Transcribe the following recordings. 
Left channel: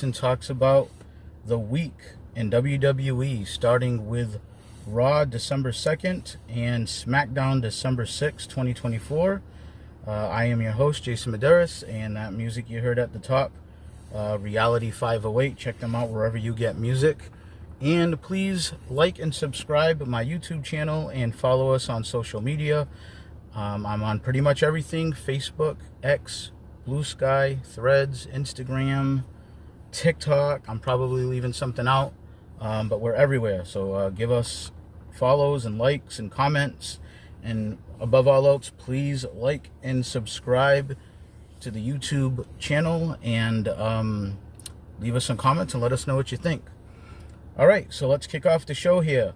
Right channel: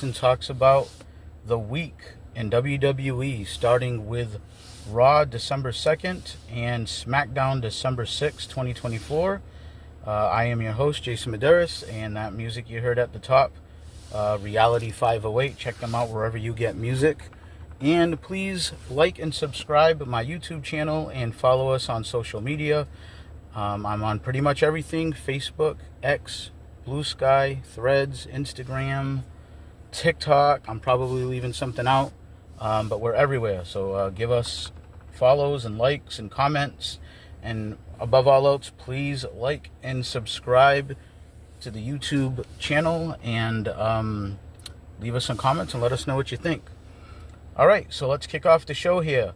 Jason talks about the week in WWE, starting with Raw December 2nd and SmackDown December 6th, 2024. I am your host, Jason Medeiros, and that music you heard at the top, Reality 508. Check them out wherever you get music. And please like and subscribe my YouTube channel and follow us on social media. I'm on pretty much everything: Facebook, X, Blue Sky, Threads, Instagram, TikTok. I'm probably leaving something out, but we're everywhere. So give us follows and likes and comments. And above all else, please like and subscribe to the YouTube channel and leave us some comments and let us know what you think. All right, so let's kick off the show here.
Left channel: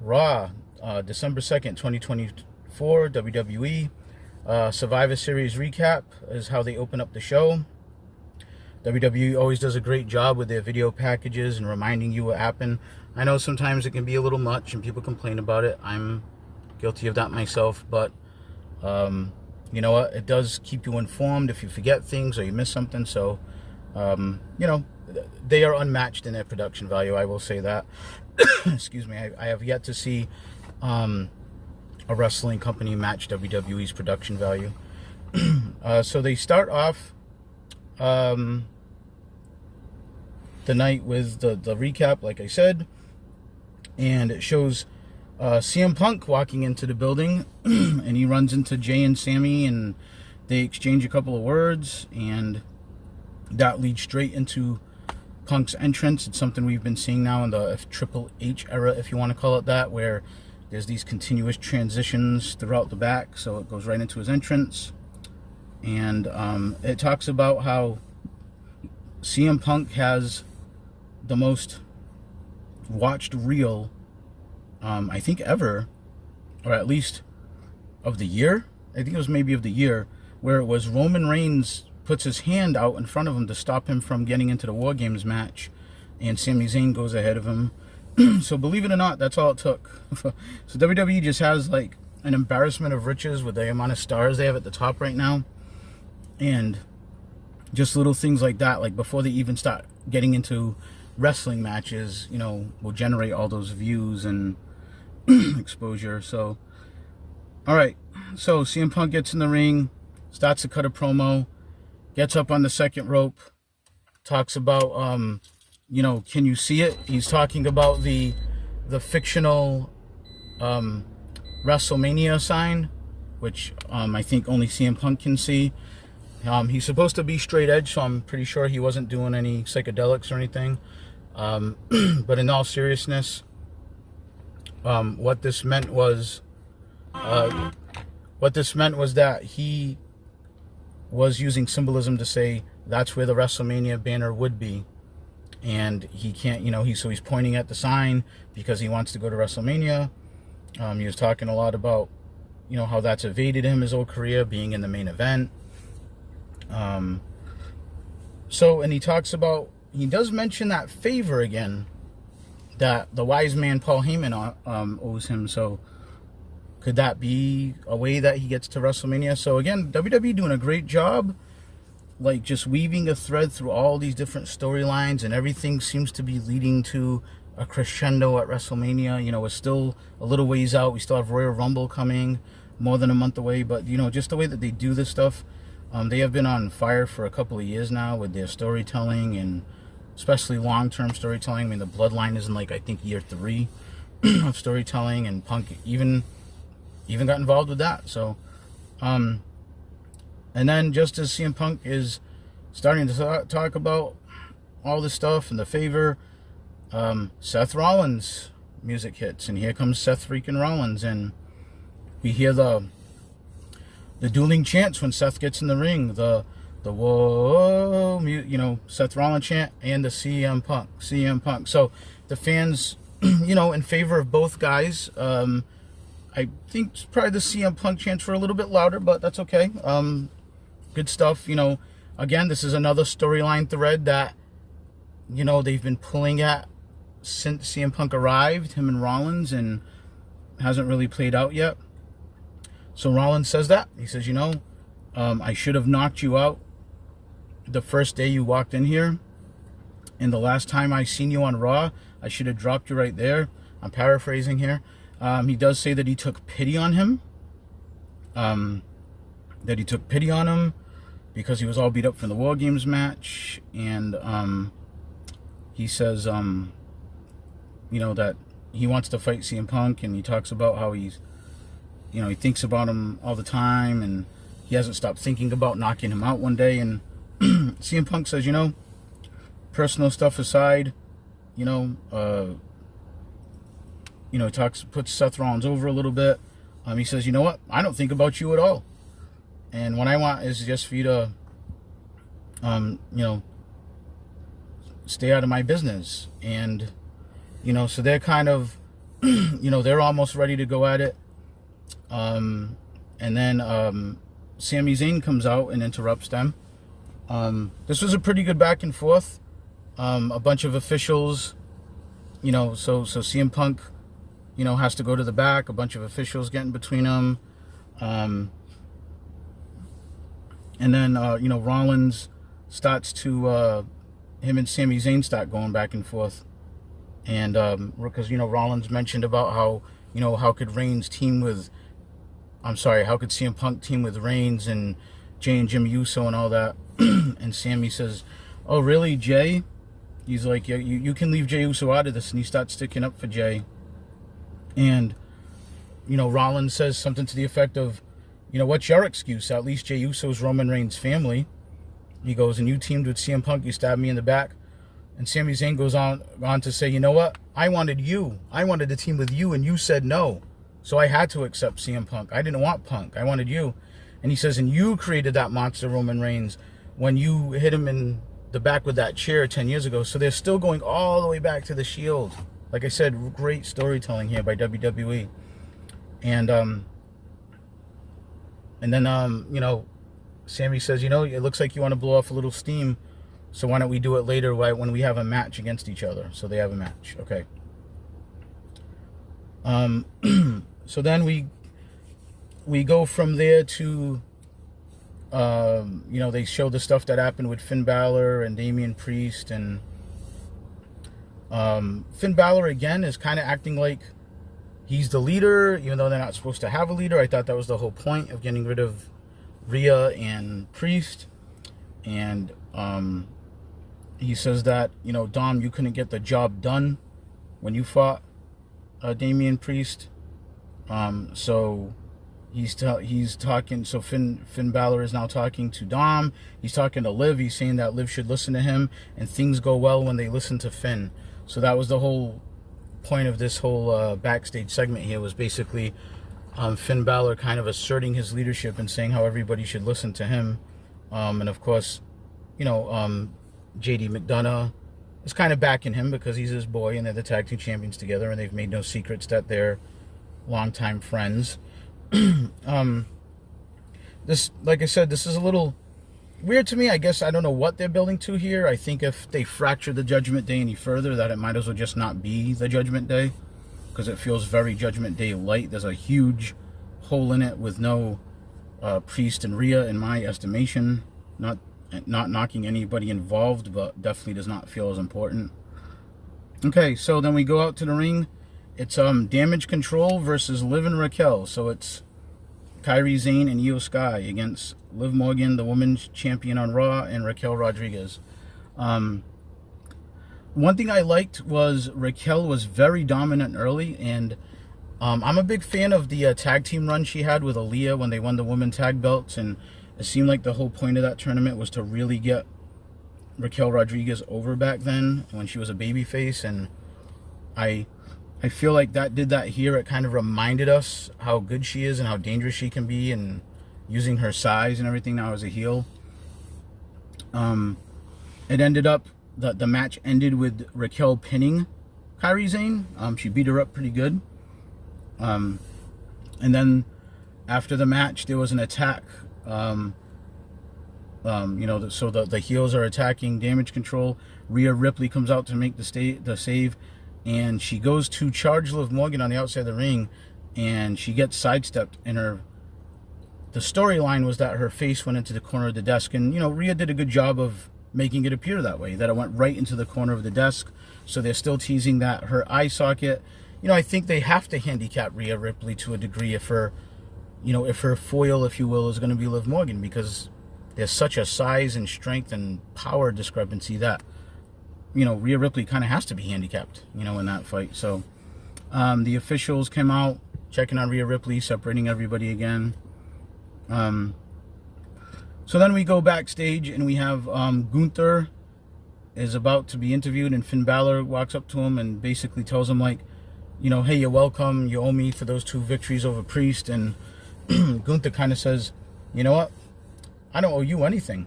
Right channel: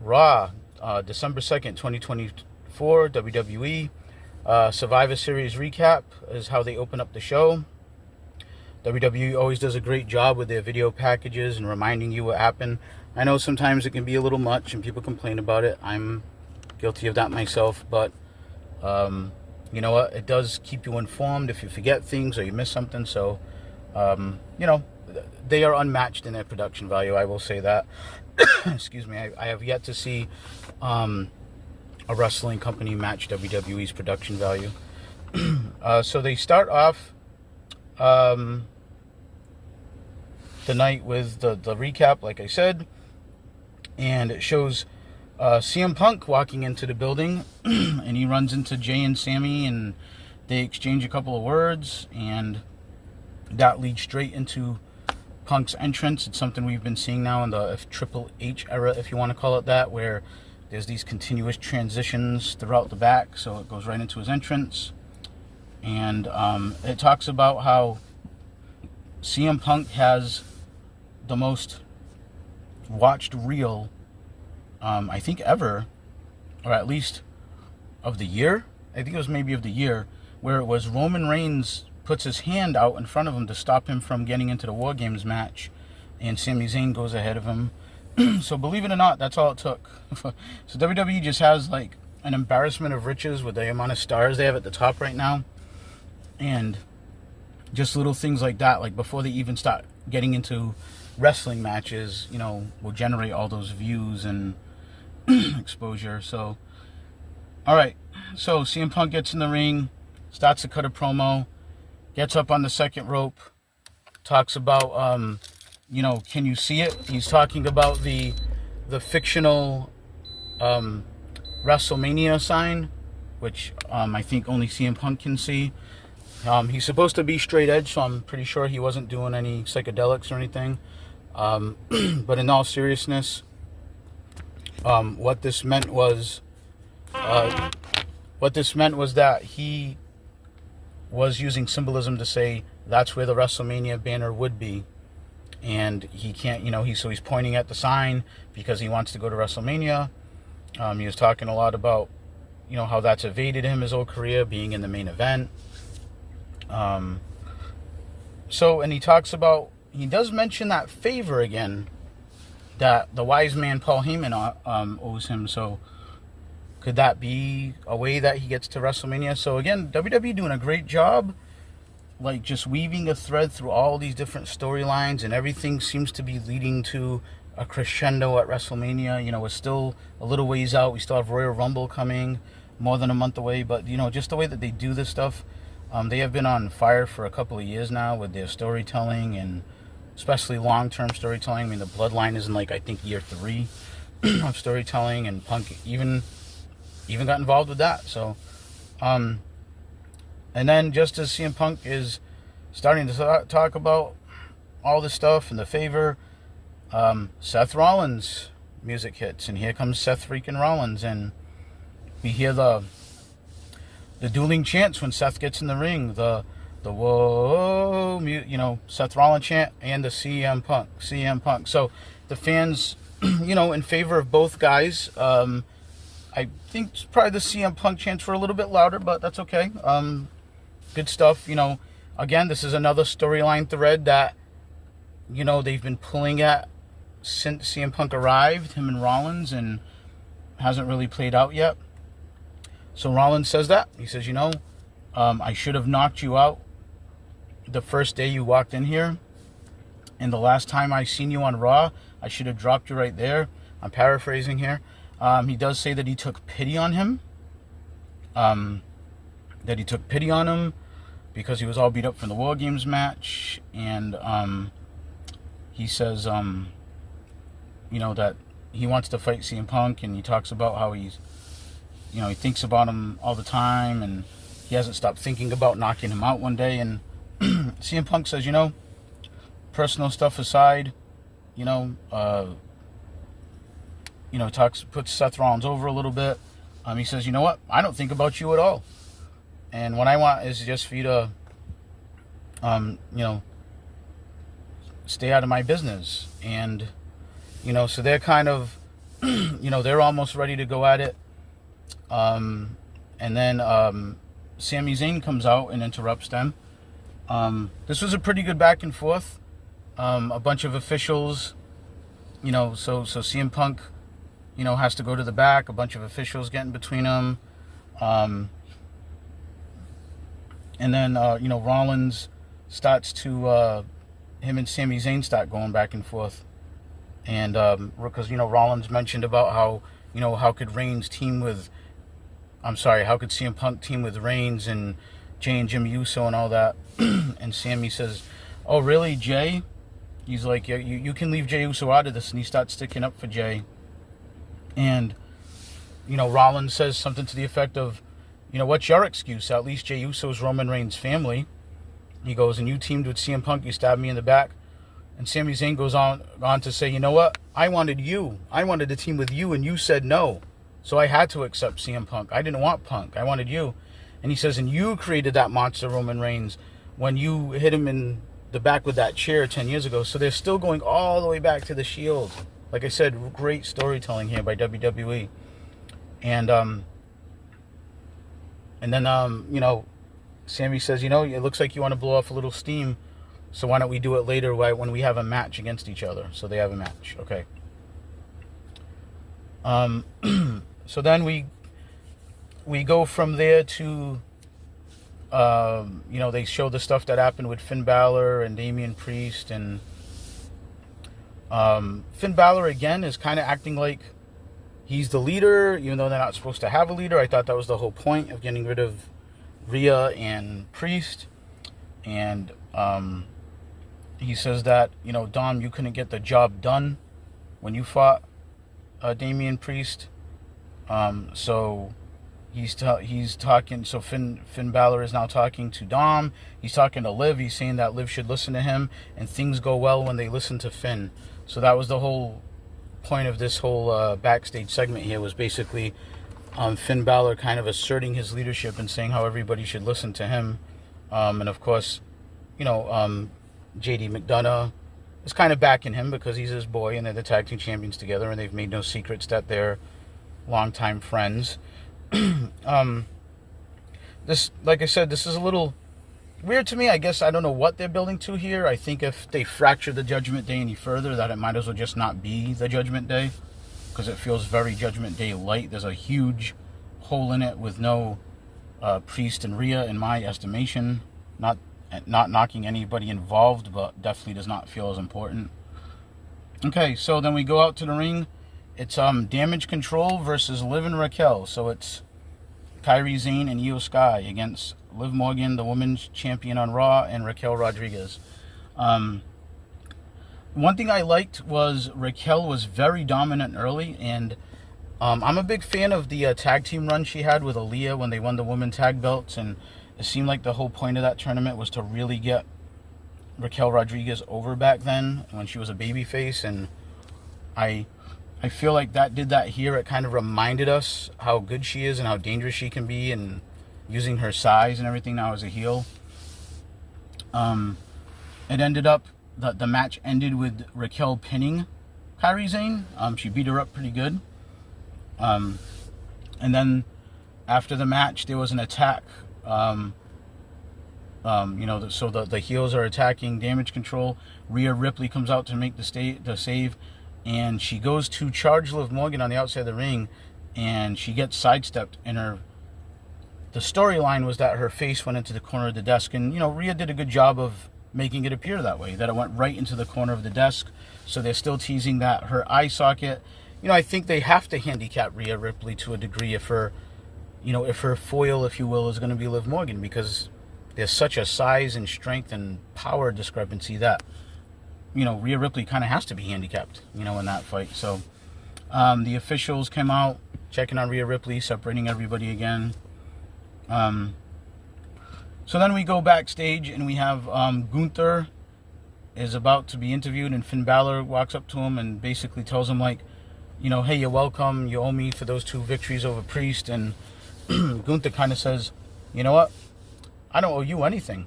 Raw, December 2nd, 2024, WWE. Survivor Series recap is how they open up the show. WWE always does a great job with their video packages and reminding you what happened. I know sometimes it can be a little much and people complain about it. I'm guilty of that myself, but you know what? It does keep you informed if you forget things or you miss something. So, you know, they are unmatched in their production value. I will say that. Excuse me. I have yet to see a wrestling company match WWE's production value. So they start off the night with the recap, like I said, and it shows CM Punk walking into the building, and he runs into Jay and Sammy, and they exchange a couple of words, and that leads straight into Punk's entrance. It's something we've been seeing now in the Triple H era, if you want to call it that, where there's these continuous transitions throughout the back, so it goes right into his entrance. And it talks about how CM Punk has the most watched reel, I think ever, or at least of the year. I think it was maybe of the year, where it was Roman Reigns puts his hand out in front of him to stop him from getting into the War Games match, and Sami Zayn goes ahead of him. So believe it or not, that's all it took. So WWE just has like an embarrassment of riches with the amount of stars they have at the top right now. And just little things like that, like before they even start getting into wrestling matches, you know, will generate all those views and exposure. So, all right. So CM Punk gets in the ring, starts to cut a promo, gets up on the second rope, talks about, you know, can you see it? He's talking about the fictional WrestleMania sign, which I think only CM Punk can see. He's supposed to be straight edge, so I'm pretty sure he wasn't doing any psychedelics or anything. But in all seriousness, what this meant was that he was using symbolism to say that's where the WrestleMania banner would be. And he can't, you know, he's pointing at the sign because he wants to go to WrestleMania. He was talking a lot about, you know, how that's evaded him his whole career, being in the main event. So, and he talks about, he does mention that favor again that the wise man Paul Heyman owes him. So could that be a way that he gets to WrestleMania? So again, WWE doing a great job, like just weaving a thread through all these different storylines, and everything seems to be leading to a crescendo at WrestleMania. You know, it's still a little ways out. We still have Royal Rumble coming, more than a month away. But, you know, just the way that they do this stuff, they have been on fire for a couple of years now with their storytelling, and especially long-term storytelling. I mean, the Bloodline is in, like, I think year 3 of storytelling, and Punk even got involved with that. So, and then just as CM Punk is starting to talk about all this stuff and the favor, Seth Rollins music hits, and here comes Seth freaking Rollins, and we hear the dueling chants when Seth gets in the ring, the whoa, you know, Seth Rollins chant and the CM Punk. So the fans, you know, in favor of both guys. I think probably the CM Punk chants were a little bit louder, but that's okay. Good stuff. You know, again, this is another storyline thread that, you know, they've been pulling at since CM Punk arrived, him and Rollins, and hasn't really played out yet. So Rollins says that. He says, you know, I should have knocked you out the first day you walked in here. And the last time I seen you on Raw, I should have dropped you right there. I'm paraphrasing here. He does say that he took pity on him. Because he was all beat up from the War Games match. And he says, that he wants to fight CM Punk. And he talks about how he's, he thinks about him all the time. And he hasn't stopped thinking about knocking him out one day. And CM Punk says, personal stuff aside, puts Seth Rollins over a little bit. He says, you know what? I don't think about you at all. And what I want is just for you to, stay out of my business. And, so they're kind of, they're almost ready to go at it. And then Sami Zayn comes out and interrupts them. This was a pretty good back and forth. A bunch of officials, so CM Punk, has to go to the back. A bunch of officials getting between them. And then, Rollins starts to, him and Sami Zayn start going back and forth. And, because, Rollins mentioned about how, how could CM Punk team with Reigns and Jay and Jimmy Uso and all that. And Sami says, oh, really, Jay? He's like, yeah, you can leave Jey Uso out of this. And he starts sticking up for Jay. And, Rollins says something to the effect of, what's your excuse? At least Jey Uso's Roman Reigns' family. He goes, and you teamed with CM Punk. You stabbed me in the back. And Sami Zayn goes on to say, you know what? I wanted to team with you, and you said no. So I had to accept CM Punk. I didn't want Punk. I wanted you. And he says, and you created that monster Roman Reigns when you hit him in the back with that chair 10 years ago. So they're still going all the way back to the Shield. Like I said, great storytelling here by WWE. And then, Sami says, it looks like you want to blow off a little steam. So why don't we do it later when we have a match against each other? So they have a match. Okay. So then we go from there to, they show the stuff that happened with Finn Balor and Damian Priest. And Finn Balor, again, is kind of acting like he's the leader, even though they're not supposed to have a leader. I thought that was the whole point of getting rid of Rhea and Priest. And he says that, Dom, you couldn't get the job done when you fought Damian Priest. So he's talking. So Finn Balor is now talking to Dom. He's talking to Liv. He's saying that Liv should listen to him, and things go well when they listen to Finn. So that was the whole point of this whole backstage segment here, was basically Finn Balor kind of asserting his leadership and saying how everybody should listen to him. And of course, JD McDonough is kind of backing him because he's his boy, and they're the tag team champions together, and they've made no secrets that they're longtime friends. This, like I said, this is a little weird to me. I guess I don't know what they're building to here. I think if they fracture the Judgment Day any further, that it might as well just not be the Judgment Day, because it feels very Judgment Day light. There's a huge hole in it with no Priest and Rhea, in my estimation. Not knocking anybody involved, but definitely does not feel as important. Okay, so then we go out to the ring. It's Damage Control versus Liv and Raquel. So it's Kairi Sane and Io Sky against Liv Morgan, the women's champion on Raw, and Raquel Rodriguez. One thing I liked was Raquel was very dominant early, and I'm a big fan of the tag team run she had with Aaliyah when they won the women tag belts, and it seemed like the whole point of that tournament was to really get Raquel Rodriguez over back then when she was a babyface, and I feel like that did that here. It kind of reminded us how good she is and how dangerous she can be, and using her size and everything now as a heel. It ended up, the match ended with Raquel pinning Kairi Sane. She beat her up pretty good. And then after the match, there was an attack. So the heels are attacking Damage Control. Rhea Ripley comes out to make the save, and she goes to charge Liv Morgan on the outside of the ring, and she gets sidestepped. And the storyline was that her face went into the corner of the desk, and Rhea did a good job of making it appear that way, that it went right into the corner of the desk. So they're still teasing that her eye socket. I think they have to handicap Rhea Ripley to a degree if her foil, if you will, is going to be Liv Morgan, because there's such a size and strength and power discrepancy that, Rhea Ripley kind of has to be handicapped, in that fight. So the officials came out, checking on Rhea Ripley, separating everybody again. So then we go backstage and we have Gunther is about to be interviewed, and Finn Balor walks up to him and basically tells him, like, hey, you're welcome. You owe me for those 2 victories over Priest. And Gunther kind of says, you know what? I don't owe you anything.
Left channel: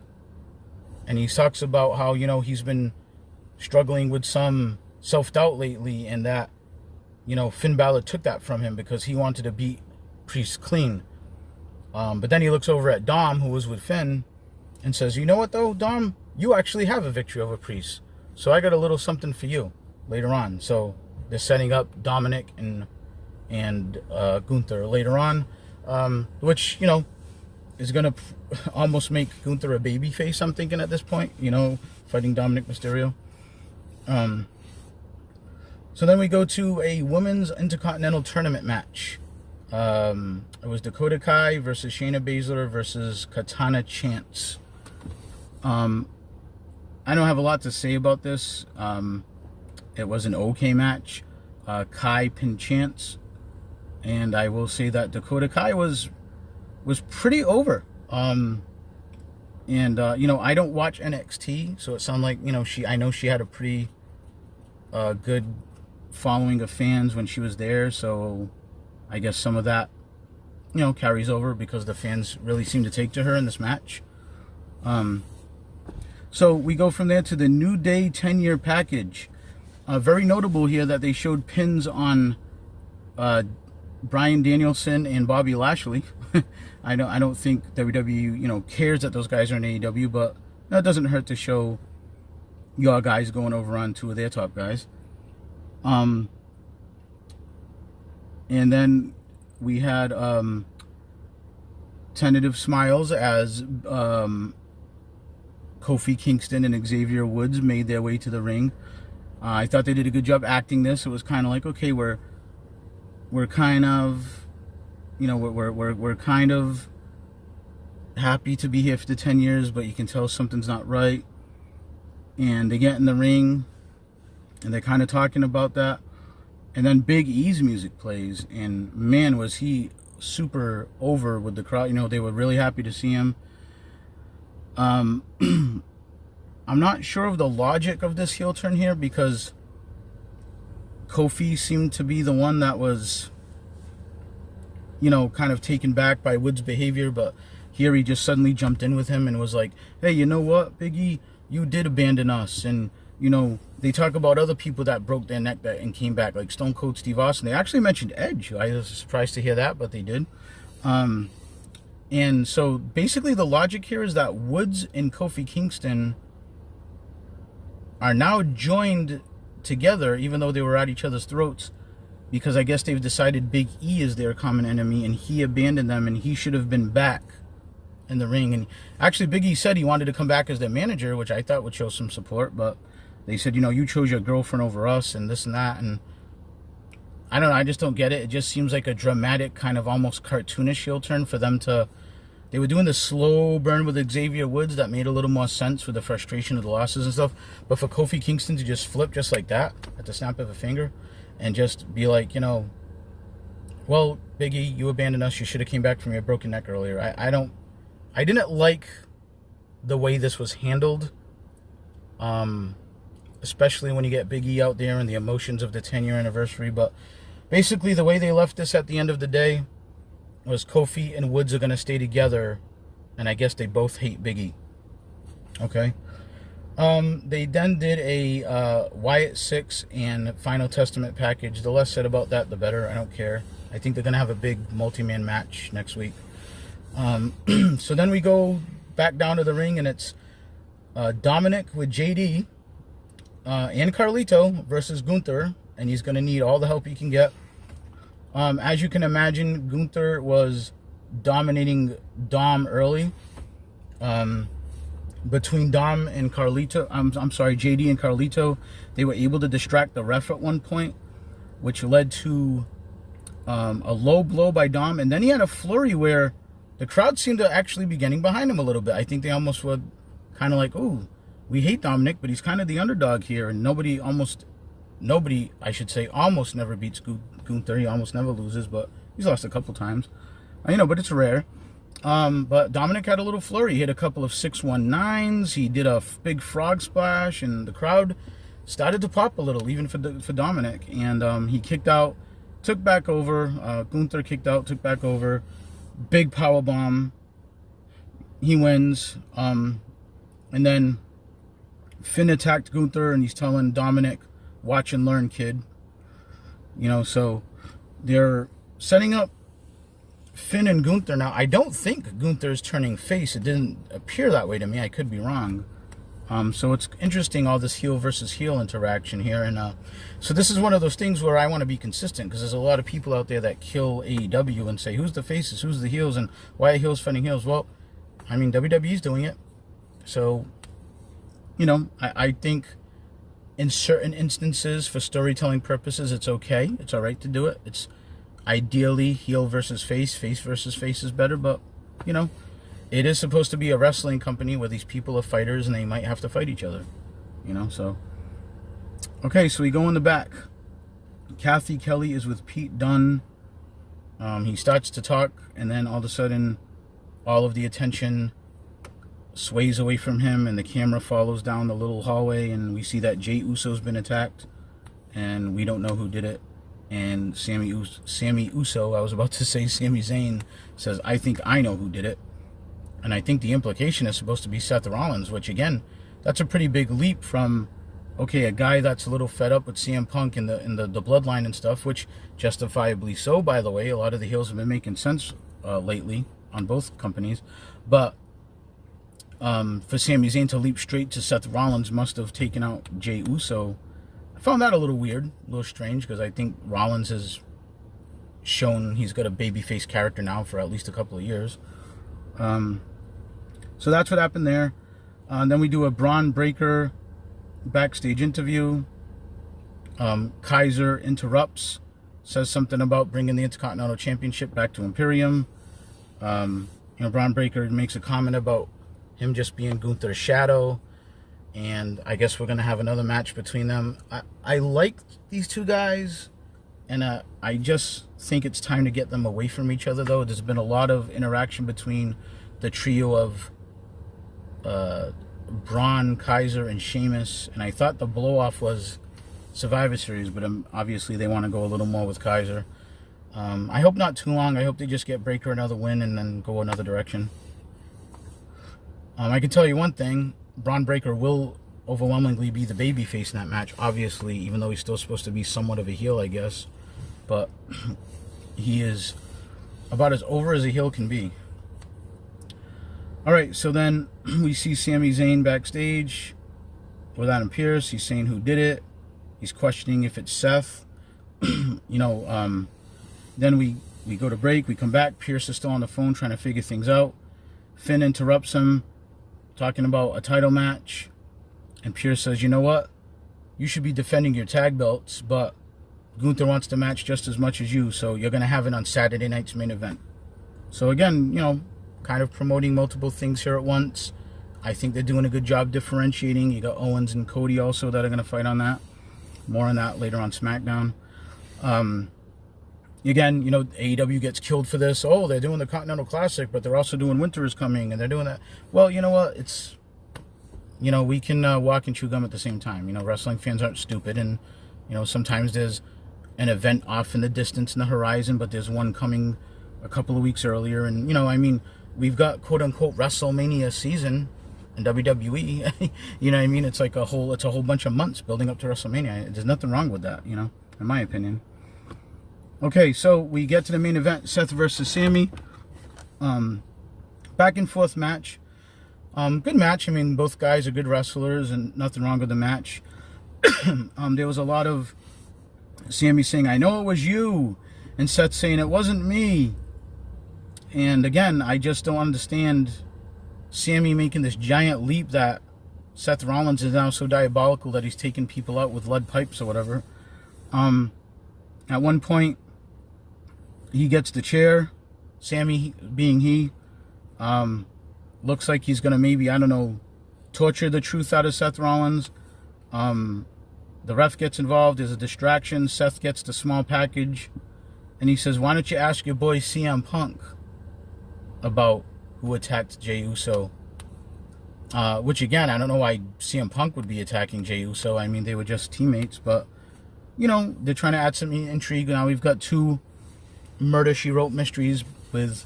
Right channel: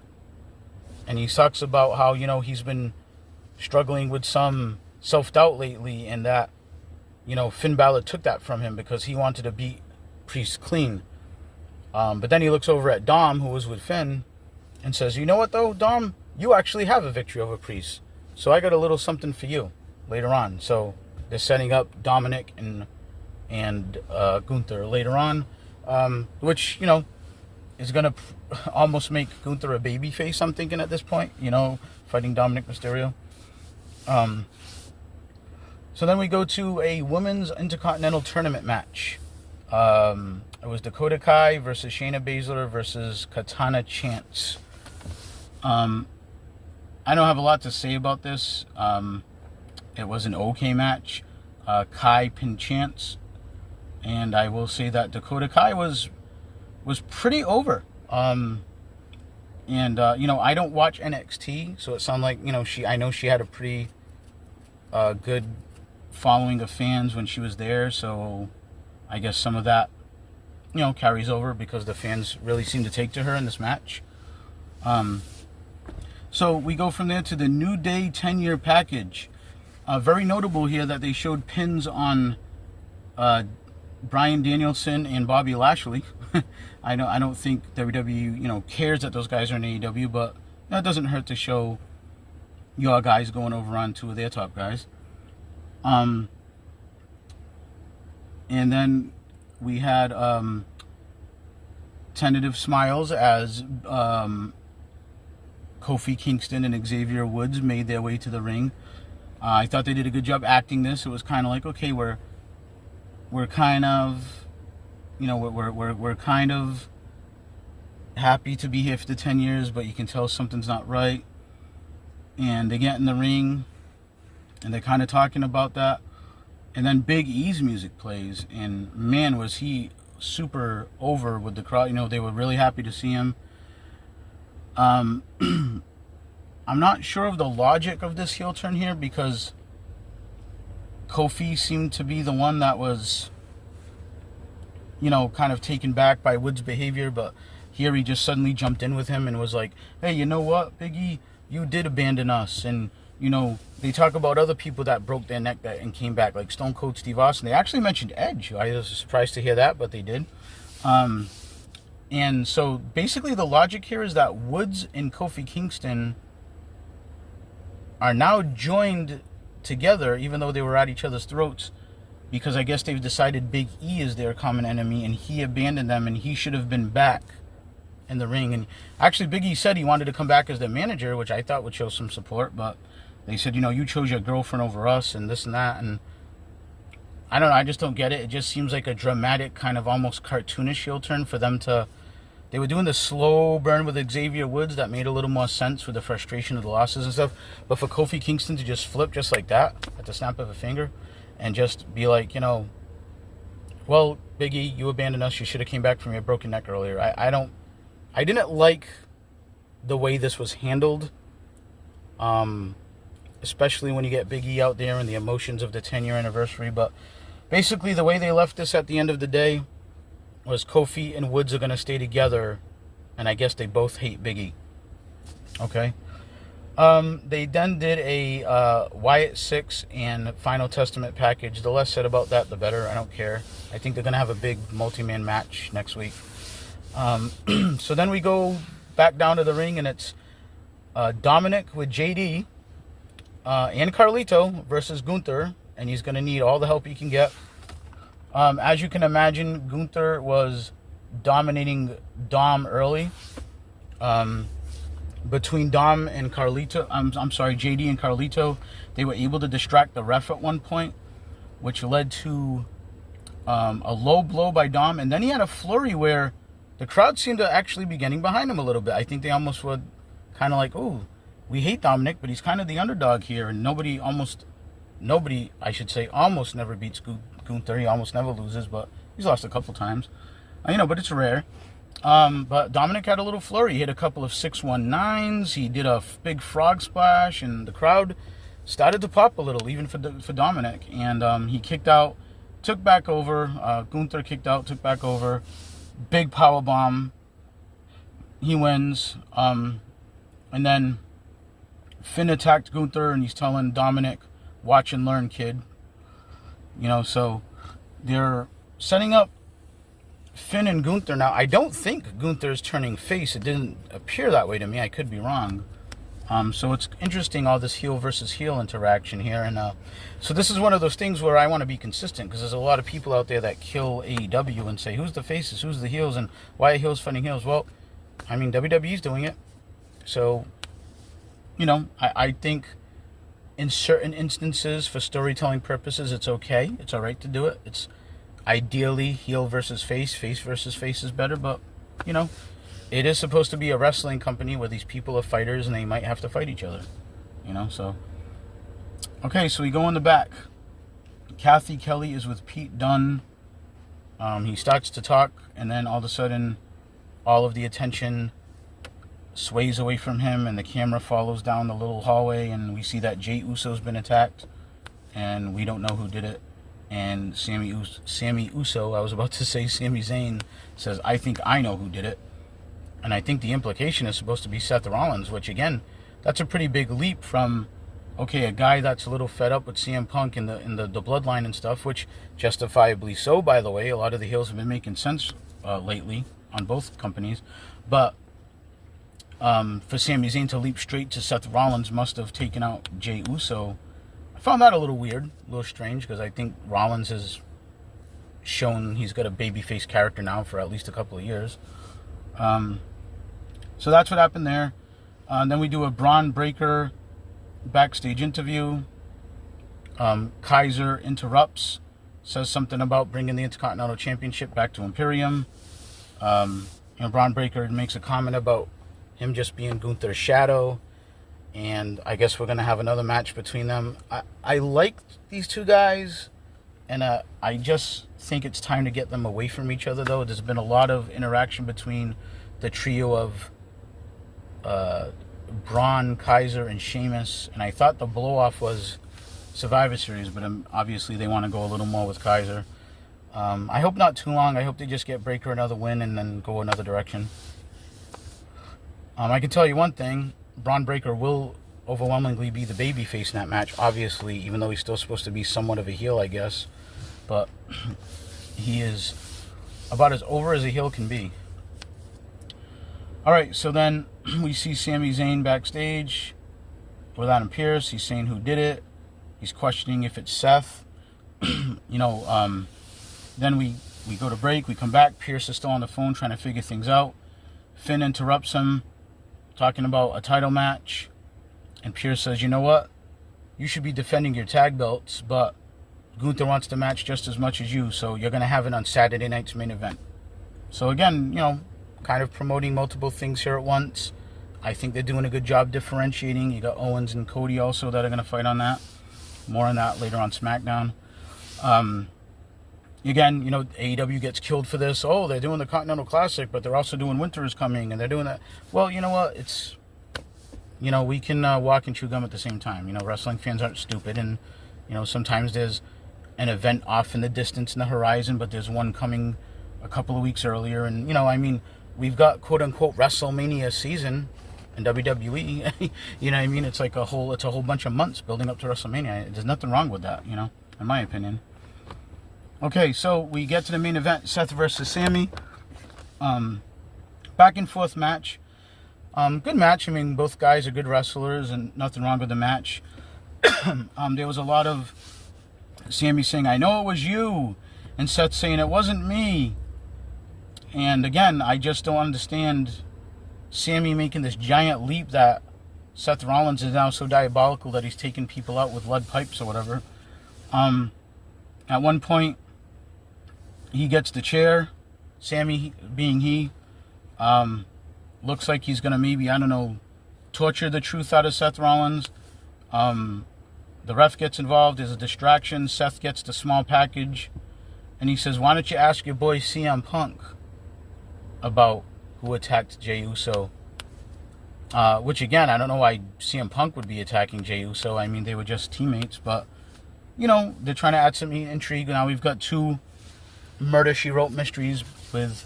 And he talks about how, he's been struggling with some self-doubt lately, and that, Finn Balor took that from him because he wanted to beat Priest clean. But then he looks over at Dom, who was with Finn, and says, you know what, though, Dom? You actually have a victory over Priest. So I got a little something for you later on. So they're setting up Dominic and Gunther later on, which, is going to almost make Gunther a babyface, I'm thinking, at this point, fighting Dominic Mysterio. So then we go to a women's Intercontinental Tournament match. It was Dakota Kai versus Shayna Baszler versus Katana Chance. I don't have a lot to say about this. It was an okay match. Kai pinned Chance, and I will say that Dakota Kai was pretty over. I don't watch NXT, so it sounded like, I know she had a pretty good following of fans when she was there, so I guess some of that, carries over because the fans really seem to take to her in this match. So we go from there to the New Day 10-year package. Very notable here that they showed pins on Bryan Danielson and Bobby Lashley. I don't think WWE, cares that those guys are in AEW, but that doesn't hurt to show your guys going over on 2 of their top guys. And then we had tentative smiles as Kofi Kingston and Xavier Woods made their way to the ring. I thought they did a good job acting this. It was kind of like, okay, we're kind of, we're kind of happy to be here for the 10 years, but you can tell something's not right. And they get in the ring, and they're kind of talking about that. And then Big E's music plays, and man, was he super over with the crowd. They were really happy to see him. I'm not sure of the logic of this heel turn here, because Kofi seemed to be the one that was, kind of taken back by Woods' behavior, but here he just suddenly jumped in with him and was like, hey, you know what, Big E, you did abandon us. And, they talk about other people that broke their neck and came back, like Stone Cold Steve Austin. They actually mentioned Edge. I was surprised to hear that, but they did. And so basically the logic here is that Woods and Kofi Kingston are now joined together, even though they were at each other's throats, because I guess they've decided Big E is their common enemy, and he abandoned them, and he should have been back in the ring. And actually Big E said he wanted to come back as their manager, which I thought would show some support, but they said, you chose your girlfriend over us and this and that. And I don't know, I just don't get it. It just seems like a dramatic, kind of almost cartoonish heel turn for them to... They were doing the slow burn with Xavier Woods that made a little more sense with the frustration of the losses and stuff. But for Kofi Kingston to just flip just like that at the snap of a finger and just be like, well, Big E, you abandoned us. You should have came back from your broken neck earlier. I didn't like the way this was handled. Especially when you get Big E out there and the emotions of the 10-year anniversary. But basically the way they left this at the end of the day was Kofi and Woods are going to stay together, and I guess they both hate Big E. Okay. They then did a Wyatt 6 and Final Testament package. The less said about that, the better. I don't care. I think they're going to have a big multi-man match next week. So then we go back down to the ring, and it's Dominic with JD and Carlito versus Gunther, and he's going to need all the help he can get. As you can imagine, Gunther was dominating Dom early. between Dom and Carlito, I'm sorry, JD and Carlito, they were able to distract the ref at one point, which led to a low blow by Dom. And then he had a flurry where the crowd seemed to actually be getting behind him a little bit. I think they almost were kind of like, "Ooh, we hate Dominic, but he's kind of the underdog here." And nobody, I should say, almost never beats Gunther. He almost never loses, but he's lost a couple times. But it's rare. But Dominic had a little flurry. He hit a couple of 619s. He did a big frog splash, and the crowd started to pop a little, even for Dominic. And he kicked out, took back over. Gunther kicked out, took back over. Big power bomb. He wins. And then Finn attacked Gunther, and he's telling Dominic, "Watch and learn, kid." So they're setting up Finn and Gunther. Now, I don't think Gunther's turning face. It didn't appear that way to me. I could be wrong. So it's interesting, all this heel versus heel interaction here. And so this is one of those things where I want to be consistent, because there's a lot of people out there that kill AEW and say, who's the faces, who's the heels, and why are heels fighting heels? Well, WWE's doing it. So, I think in certain instances, for storytelling purposes, it's okay. It's all right to do it. It's ideally heel versus face versus face is better, but it is supposed to be a wrestling company where these people are fighters and they might have to fight each other, so okay. So we go in the back. Kathy Kelly is with Pete Dunne. He starts to talk, and then all of a sudden all of the attention sways away from him, and the camera follows down the little hallway, and we see that Jey Uso's been attacked, and we don't know who did it. And Sami Uso, I was about to say Sami Zayn, says, "I think I know who did it." And I think the implication is supposed to be Seth Rollins, which, again, that's a pretty big leap from, okay, a guy that's a little fed up with CM Punk and the bloodline and stuff, which justifiably so, by the way. A lot of the heels have been making sense lately on both companies. But for Sami Zayn to leap straight to Seth Rollins must have taken out Jey Uso. I found that a little weird, a little strange, because I think Rollins has shown he's got a babyface character now for at least a couple of years. So that's what happened there. Then we do a Braun Breaker backstage interview. Kaiser interrupts, says something about bringing the Intercontinental Championship back to Imperium. Braun Breaker makes a comment about him just being Gunther's shadow. And I guess we're going to have another match between them. I like these two guys, and I just think it's time to get them away from each other, though. There's been a lot of interaction between the trio of Braun, Kaiser, and Sheamus, and I thought the blow-off was Survivor Series, but obviously they want to go a little more with Kaiser. I hope not too long. I hope they just get Breaker another win and then go another direction. I can tell you one thing. Braun Breaker will overwhelmingly be the babyface in that match, obviously, even though he's still supposed to be somewhat of a heel, I guess. But he is about as over as a heel can be. All right, so then we see Sami Zayn backstage with Adam Pearce. He's saying who did it. He's questioning if it's Seth. Then we go to break. We come back. Pearce is still on the phone trying to figure things out. Finn interrupts him, talking about a title match. And Pearce says, you know what? You should be defending your tag belts, but Gunther wants the match just as much as you, so you're going to have it on Saturday night's main event. So again, kind of promoting multiple things here at once. I think they're doing a good job differentiating. You got Owens and Cody also that are going to fight on that. More on that later on SmackDown. Again, AEW gets killed for this. Oh, they're doing the Continental Classic, but they're also doing Winter is Coming, and they're doing that. Well, you know what? It's, we can walk and chew gum at the same time. Wrestling fans aren't stupid, and, sometimes there's an event off in the distance in the horizon, but there's one coming a couple of weeks earlier. And, we've got quote-unquote WrestleMania season in WWE. It's like a whole bunch of months building up to WrestleMania. There's nothing wrong with that, in my opinion. Okay, so we get to the main event, Seth versus Sami. Back and forth match. Good match. Both guys are good wrestlers, and nothing wrong with the match. There was a lot of Sami saying, I know it was you, and Seth saying, it wasn't me. And again, I just don't understand Sammy making this giant leap that Seth Rollins is now so diabolical that he's taking people out with lead pipes or whatever. At one point, he gets the chair. Sammy, being he, looks like he's going to maybe, I don't know, torture the truth out of Seth Rollins. The ref gets involved. There's a distraction. Seth gets the small package. And he says, why don't you ask your boy CM Punk about who attacked Jey Uso? Which, again, I don't know why CM Punk would be attacking Jey Uso. I mean, they were just teammates. But, you know, they're trying to add some intrigue. Now we've got two Murder, She Wrote mysteries with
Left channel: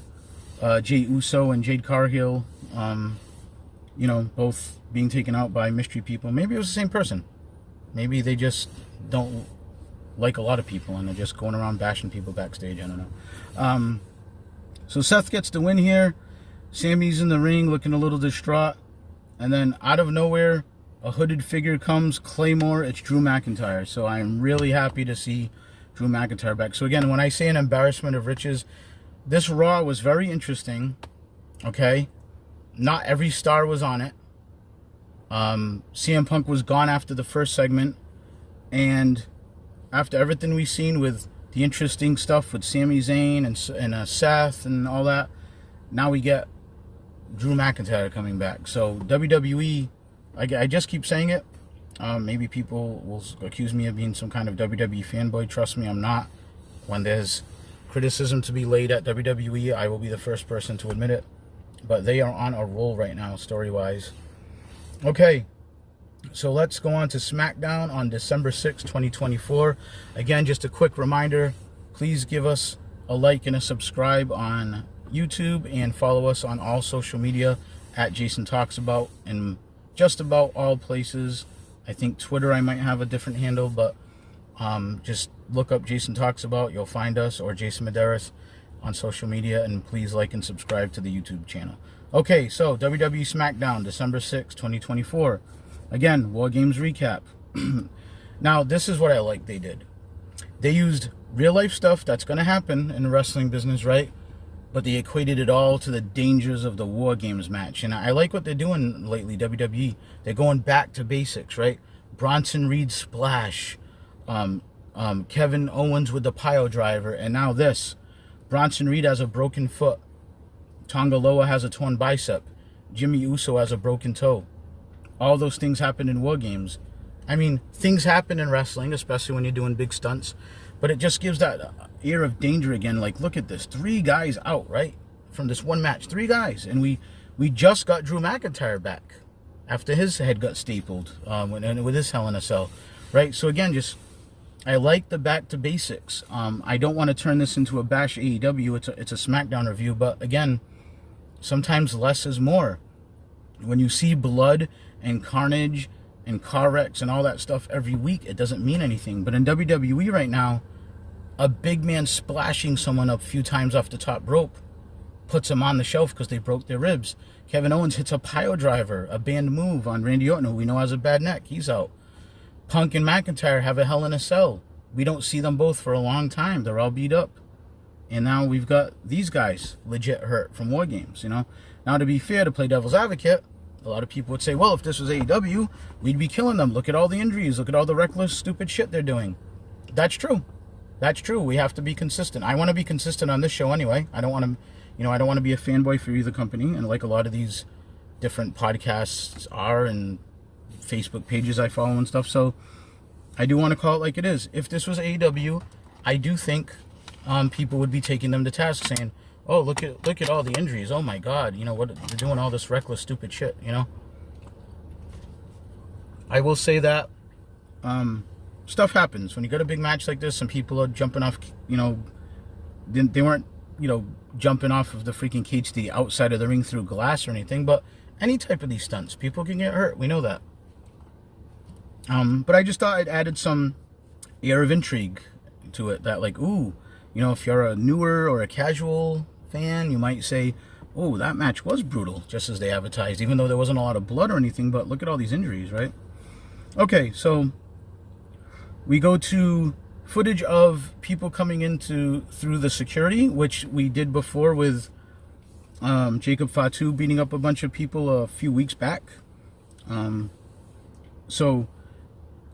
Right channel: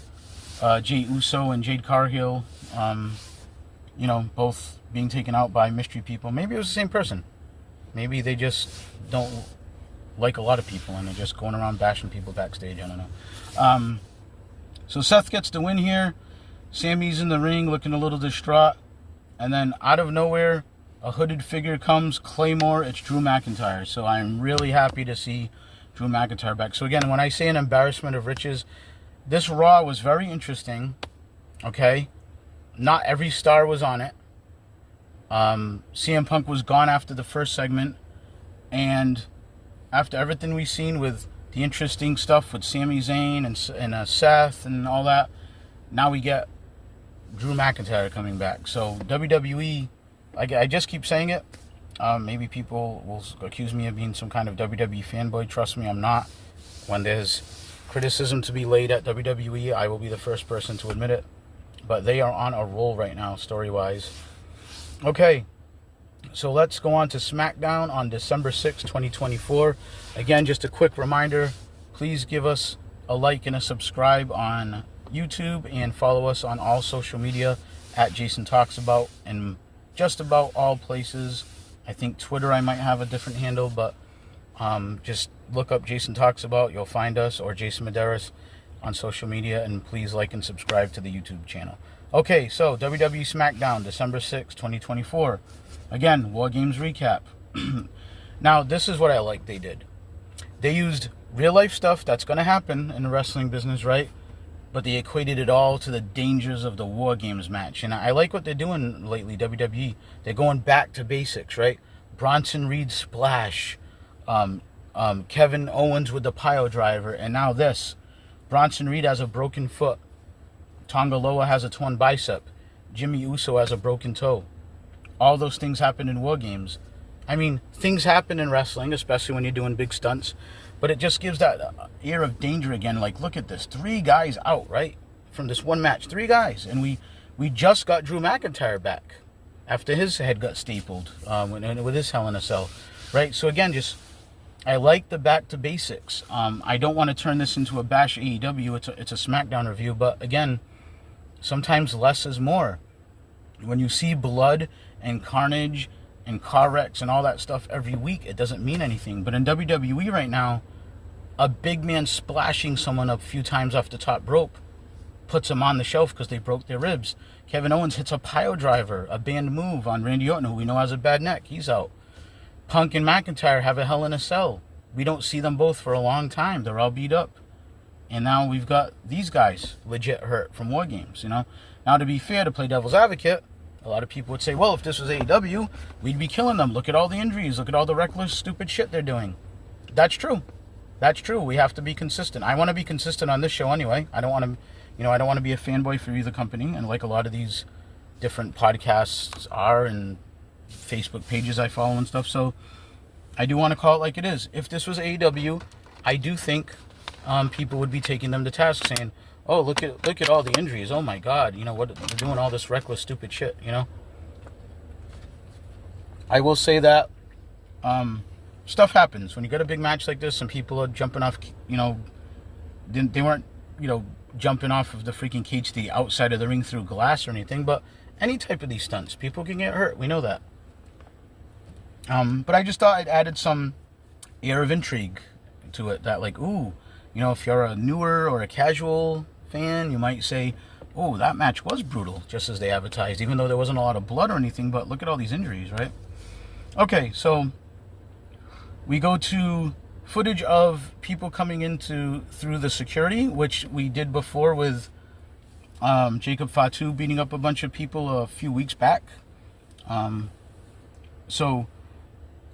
Jey Uso and Jade Cargill. You know, both being taken out by mystery people. Maybe it was the same person. Maybe they just don't like a lot of people and they're just going around bashing people backstage. I don't know. So Seth gets the win here. Sammy's in the ring looking a little distraught. And then out of nowhere, a hooded figure comes. Claymore. It's Drew McIntyre. So I'm really happy to see Drew McIntyre back. So again, when I say an embarrassment of riches, this Raw was very interesting. Okay? Not every star was on it. CM Punk was gone after the first segment. And after everything we've seen with the interesting stuff with Sami Zayn and Seth and all that, now we get Drew McIntyre coming back. So WWE, I just keep saying it. Maybe people will accuse me of being some kind of WWE fanboy. Trust me, I'm not. When there's criticism to be laid at WWE, I will be the first person to admit it. But they are on a roll right now, story-wise. Okay, so let's go on to SmackDown on December 6, 2024. Again, just a quick reminder, please give us a like and a subscribe on YouTube and follow us on all social media at Jason Talks About in just about all places. I think Twitter I might have a different handle, but just look up Jason Talks About. You'll find us, or Jason Medeiros on social media, and please like and subscribe to the YouTube channel. Okay, so WWE SmackDown, December 6, 2024. Again, War Games recap. Now, this is what I like they did. They used real-life stuff that's going to happen in the wrestling business, right? But they equated it all to the dangers of the War Games match. And I like what they're doing lately, WWE. They're going back to basics, right? Bronson Reed splash. Kevin Owens with the pile driver. And now this. Bronson Reed has a broken foot. Tonga Loa has a torn bicep. Jimmy Uso has a broken toe. All those things happen in War Games. I mean, things happen in wrestling, especially when you're doing big stunts. But it just gives that air of danger again. Like, look at this. 3 guys out, right? From this one match. 3 guys. And we just got Drew McIntyre back after his head got stapled with his Hell in a Cell. Right? So, again, just I like the back to basics. I don't want to turn this into a bash AEW. It's a SmackDown review. But, again, sometimes less is more. When you see blood and carnage and car wrecks and all that stuff every week, it doesn't mean anything. But in WWE right now, a big man splashing someone a few times off the top rope puts them on the shelf because they broke their ribs. Kevin Owens hits a pile driver, a banned move on Randy Orton, who we know has a bad neck. He's out. Punk and McIntyre have a Hell in a Cell. We don't see them both for a long time. They're all beat up. And now we've got these guys legit hurt from War Games, you know. Now, to be fair, to play devil's advocate, a lot of people would say, well, if this was AEW, we'd be killing them. Look at all the injuries. Look at all the reckless, stupid shit they're doing. That's true. That's true. We have to be consistent. I want to be consistent on this show anyway. I don't want to, I don't want to be a fanboy for either company. And like a lot of these different podcasts are and Facebook pages I follow and stuff. So I do want to call it like it is. If this was AEW, I do think people would be taking them to task saying, oh, look at all the injuries. Oh my God, what they're doing all this reckless, stupid shit. I will say that stuff happens when you got a big match like this. Some people are jumping off. They weren't jumping off of the freaking cage to the outside of the ring through glass or anything. But any type of these stunts, people can get hurt. We know that. But I just thought it added some air of intrigue to it. That like, ooh, if you're a newer or a casual fan, you might say, oh, that match was brutal, just as they advertised, even though there wasn't a lot of blood or anything, but look at all these injuries, right? Okay, so we go to footage of people coming through the security, which we did before with Jacob Fatu beating up a bunch of people a few weeks back. So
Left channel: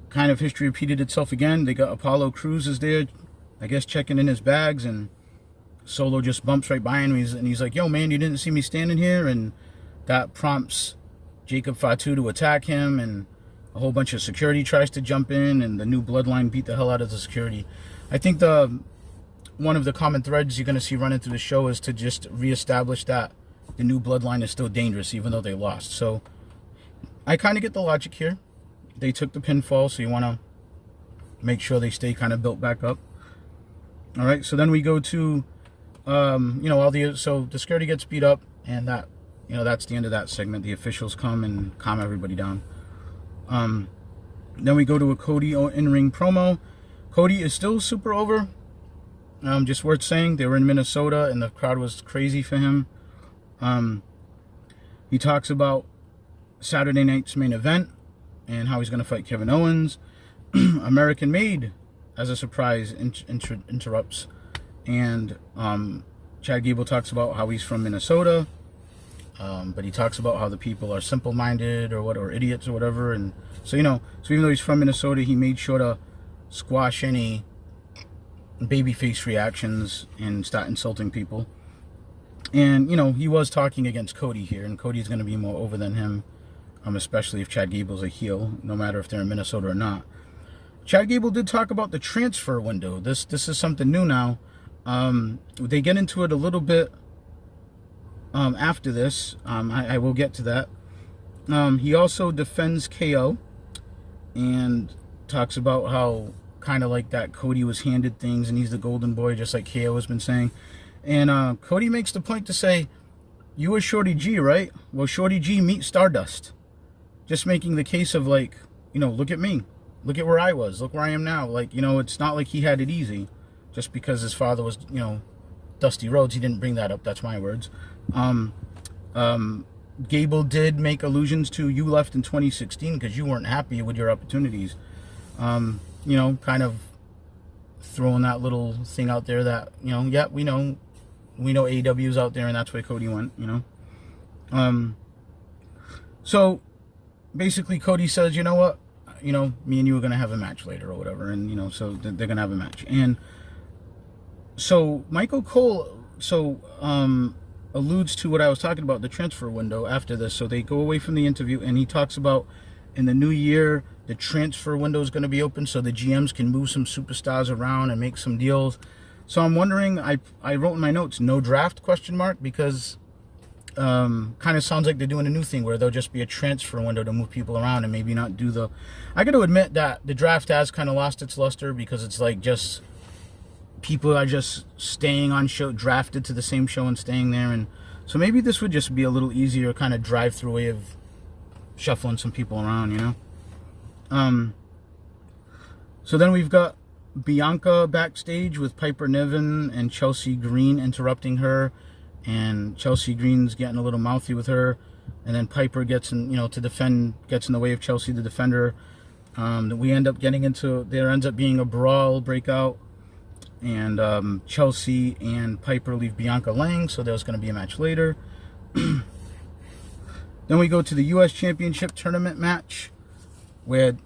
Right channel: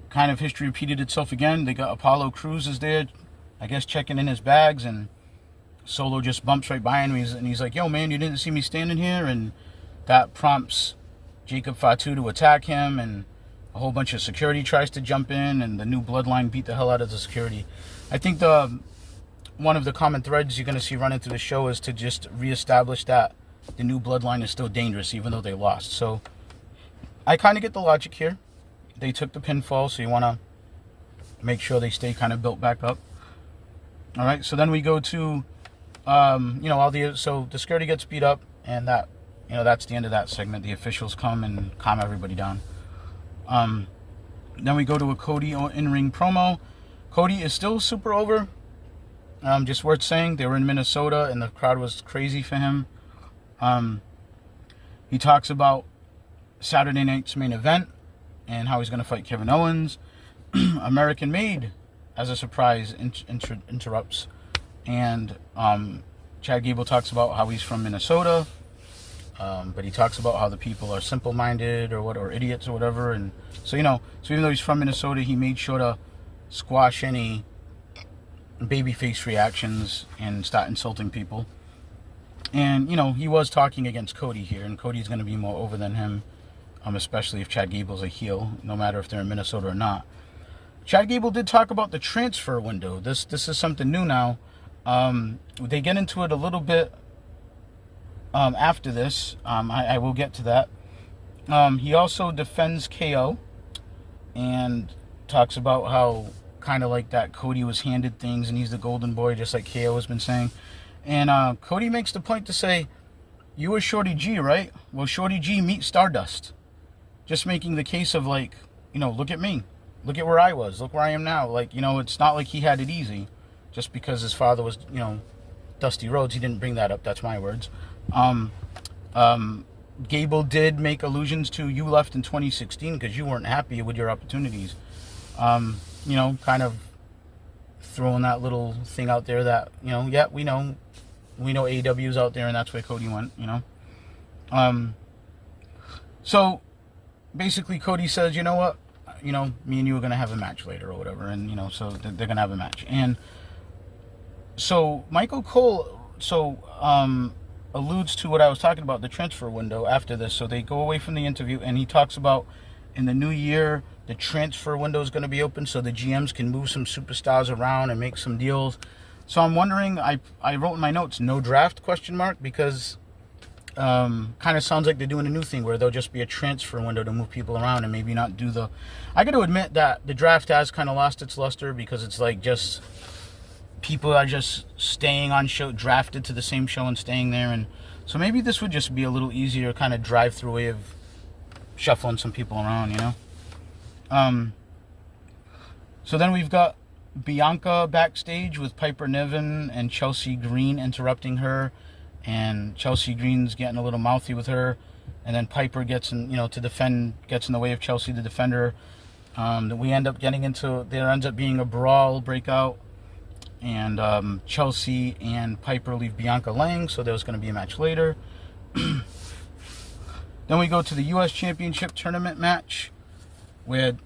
kind of history repeated itself again. They got Apollo Crews is there, I guess, checking in his bags, and Solo just bumps right by him, and he's like, yo, man, you didn't see me standing here? And that prompts Jacob Fatu to attack him, and a whole bunch of security tries to jump in, and the new bloodline beat the hell out of the security. I think one of the common threads you're going to see running through the show is to just reestablish that the new bloodline is still dangerous, even though they lost. So I kind of get the logic here. They took the pinfall, so you want to make sure they stay kind of built back up. All right, so then we go to, so the security gets beat up, and that, that's the end of that segment. The officials come and calm everybody down. Then we go to a Cody in-ring promo. Cody is still super over. Just worth saying, they were in Minnesota, and the crowd was crazy for him. He talks about Saturday night's main event and how he's going to fight Kevin Owens. American Made, as a surprise, interrupts. And Chad Gable talks about how he's from Minnesota. But he talks about how the people are simple-minded or idiots or whatever. And so, so even though he's from Minnesota, he made sure to squash any babyface reactions and start insulting people. And, he was talking against Cody here, and Cody's going to be more over than him, especially if Chad Gable's a heel, no matter if they're in Minnesota or not. Chad Gable did talk about the transfer window. This is something new now. They get into it a little bit after this. I will get to that. He also defends KO and talks about how kind of like that Cody was handed things and he's the golden boy, just like KO has been saying. And Cody makes the point to say, you were Shorty G, right? Well, Shorty G meet Stardust. Just making the case of like, look at me. Look at where I was. Look where I am now. Like, it's not like he had it easy. Just because his father was, Dusty Rhodes. He didn't bring that up. That's my words. Gable did make allusions to you left in 2016 because you weren't happy with your opportunities. Kind of throwing that little thing out there that, yeah, we know AEW's out there and that's where Cody went, So basically Cody says, you know what, me and you are going to have a match later or whatever. And, so they're going to have a match. And so Michael Cole, alludes to what I was talking about, the transfer window after this. So they go away from the interview and he talks about in the new year, the transfer window is going to be open so the GMs can move some superstars around and make some deals. So I'm wondering, I wrote in my notes, no draft, ? Because kind of sounds like they're doing a new thing where there'll just be a transfer window to move people around and maybe not do the... I got to admit that the draft has kind of lost its luster because it's like just... people are just staying on show, drafted to the same show and staying there. And so maybe this would just be a little easier kind of drive-through way of shuffling some people around, So then we've got Bianca backstage with Piper Niven and Chelsea Green interrupting her. And Chelsea Green's getting a little mouthy with her. And then Piper gets in, gets in the way of Chelsea to defend her. We end up getting into, there ends up being a brawl breakout. And Chelsea and Piper leave Bianca laying, so there's going to be a match later. Then we go to the U.S. Championship Tournament match, where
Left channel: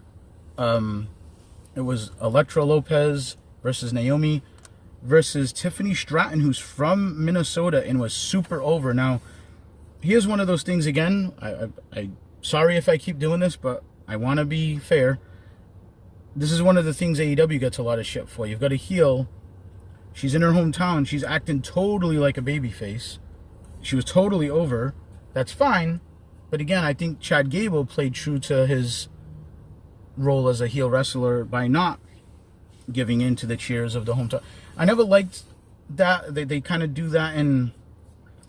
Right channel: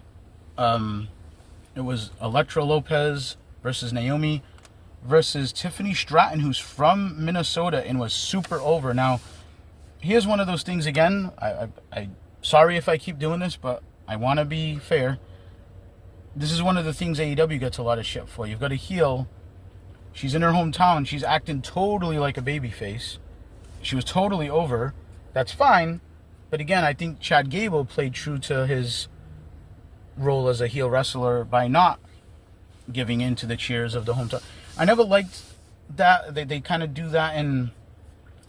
it was Elektra Lopez versus Naomi versus Tiffany Stratton, who's from Minnesota and was super over. Now, here's one of those things again. I sorry if I keep doing this, but I want to be fair. This is one of the things AEW gets a lot of shit for. You've got a heel. She's in her hometown. She's acting totally like a babyface. She was totally over. That's fine. But again, I think Chad Gable played true to his role as a heel wrestler by not giving in to the cheers of the hometown. I never liked that. They kind of do that in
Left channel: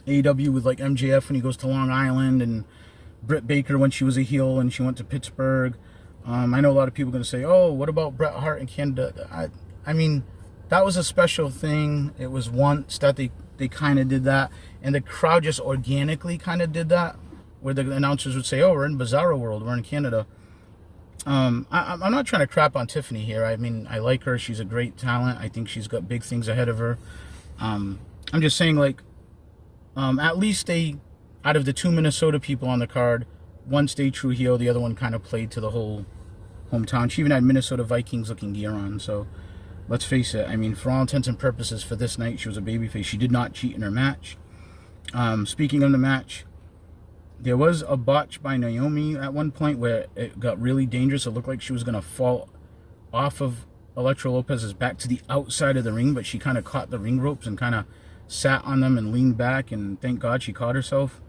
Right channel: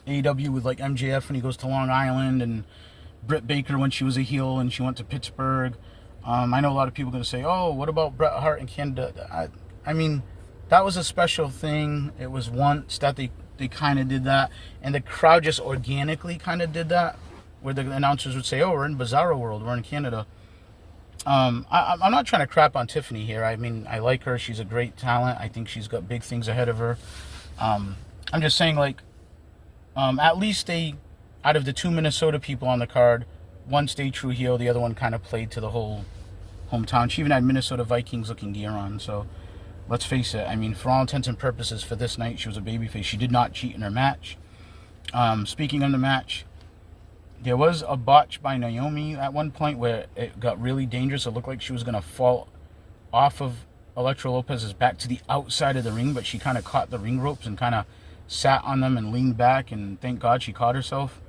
AEW with like MJF when he goes to Long Island, and Britt Baker when she was a heel and she went to Pittsburgh. I know a lot of people are going to say, oh, what about Bret Hart in Canada? I mean, that was a special thing. It was once that they kind of did that. And the crowd just organically kind of did that, where the announcers would say, oh, we're in Bizarro World. We're in Canada. I'm not trying to crap on Tiffany here. I mean, I like her. She's a great talent. I think she's got big things ahead of her. I'm just saying, like, At least out of the 2 Minnesota people on the card, one stayed true heel, the other one kind of played to the whole hometown. She even had Minnesota Vikings looking gear on. So let's face it, I mean, for all intents and purposes for this night, she was a babyface. She did not cheat in her match. Speaking of the match, there was a botch by Naomi at one point where it got really dangerous. It looked like she was going to fall off of Elektra Lopez's back to the outside of the ring, but she kind of caught the ring ropes and kind of sat on them and leaned back, and thank God she caught herself.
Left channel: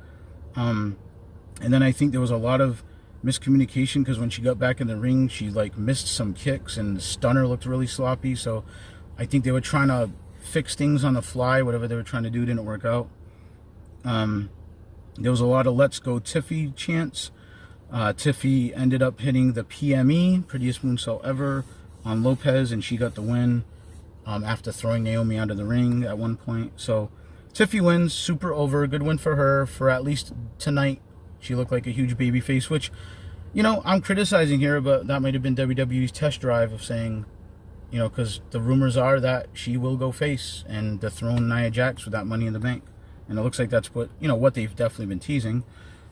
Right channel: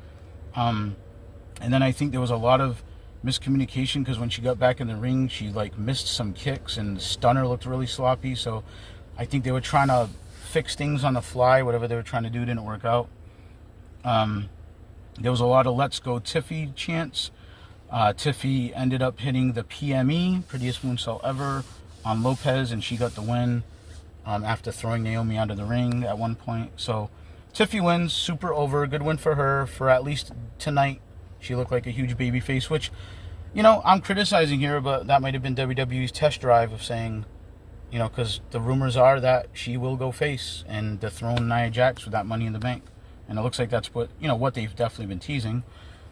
And then I think there was a lot of miscommunication because when she got back in the ring, she like missed some kicks and the stunner looked really sloppy. So I think they were trying to fix things on the fly. Whatever they were trying to do didn't work out. There was a lot of "Let's Go Tiffy" chants. Tiffy ended up hitting the PME, prettiest moonsault ever, on Lopez, and she got the win after throwing Naomi out of the ring at one point. So Tiffy wins, super over, good win for her. For at least tonight, she looked like a huge babyface, which, you know, I'm criticizing here, but that might have been WWE's test drive of saying, you know, because the rumors are that she will go face and dethrone Nia Jax with that Money in the Bank. And it looks like that's what, you know, what they've definitely been teasing.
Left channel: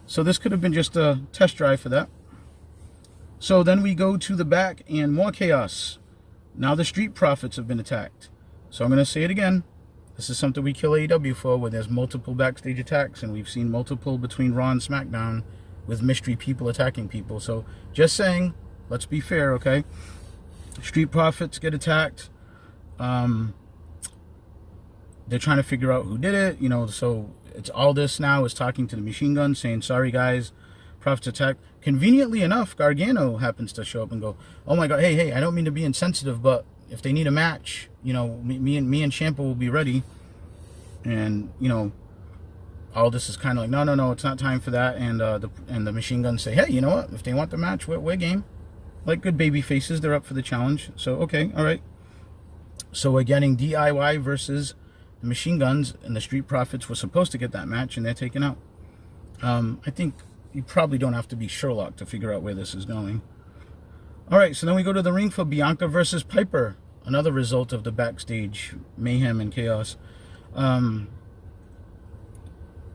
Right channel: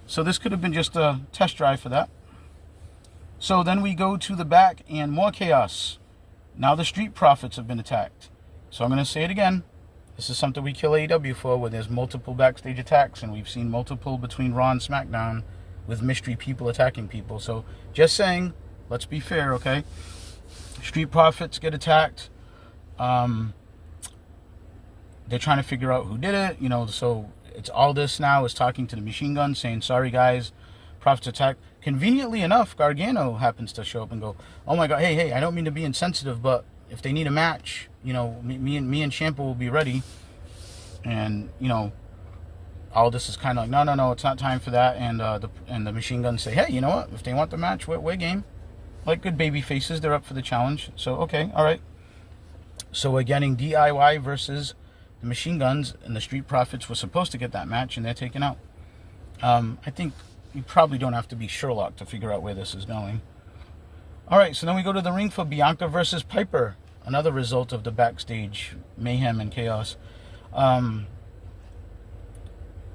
So this could have been just a test drive for that. So then we go to the back and more chaos. Now the Street Profits have been attacked. So I'm going to say it again. This is something we kill AEW for, where there's multiple backstage attacks, and we've seen multiple between Raw and SmackDown with mystery people attacking people. So just saying, let's be fair, okay? Street Profits get attacked. They're trying to figure out who did it, you know, so it's Aldis now is talking to the Machine Gun saying, sorry guys, Profits attack. Conveniently enough, Gargano happens to show up and go, oh my God, hey, I don't mean to be insensitive, but if they need a match, you know, me and Ciampa will be ready. And, you know, Aldis is kind of like, no, it's not time for that. And the Machine Gun say, hey, you know what, if they want the match, we're game. Like good baby faces, they're up for the challenge. So, okay, all right. So we're getting DIY versus the Machine Guns, and the Street Profits were supposed to get that match, and they're taken out. I think you probably don't have to be Sherlock to figure out where this is going. All right, so then we go to the ring for Bianca versus Piper, another result of the backstage mayhem and chaos.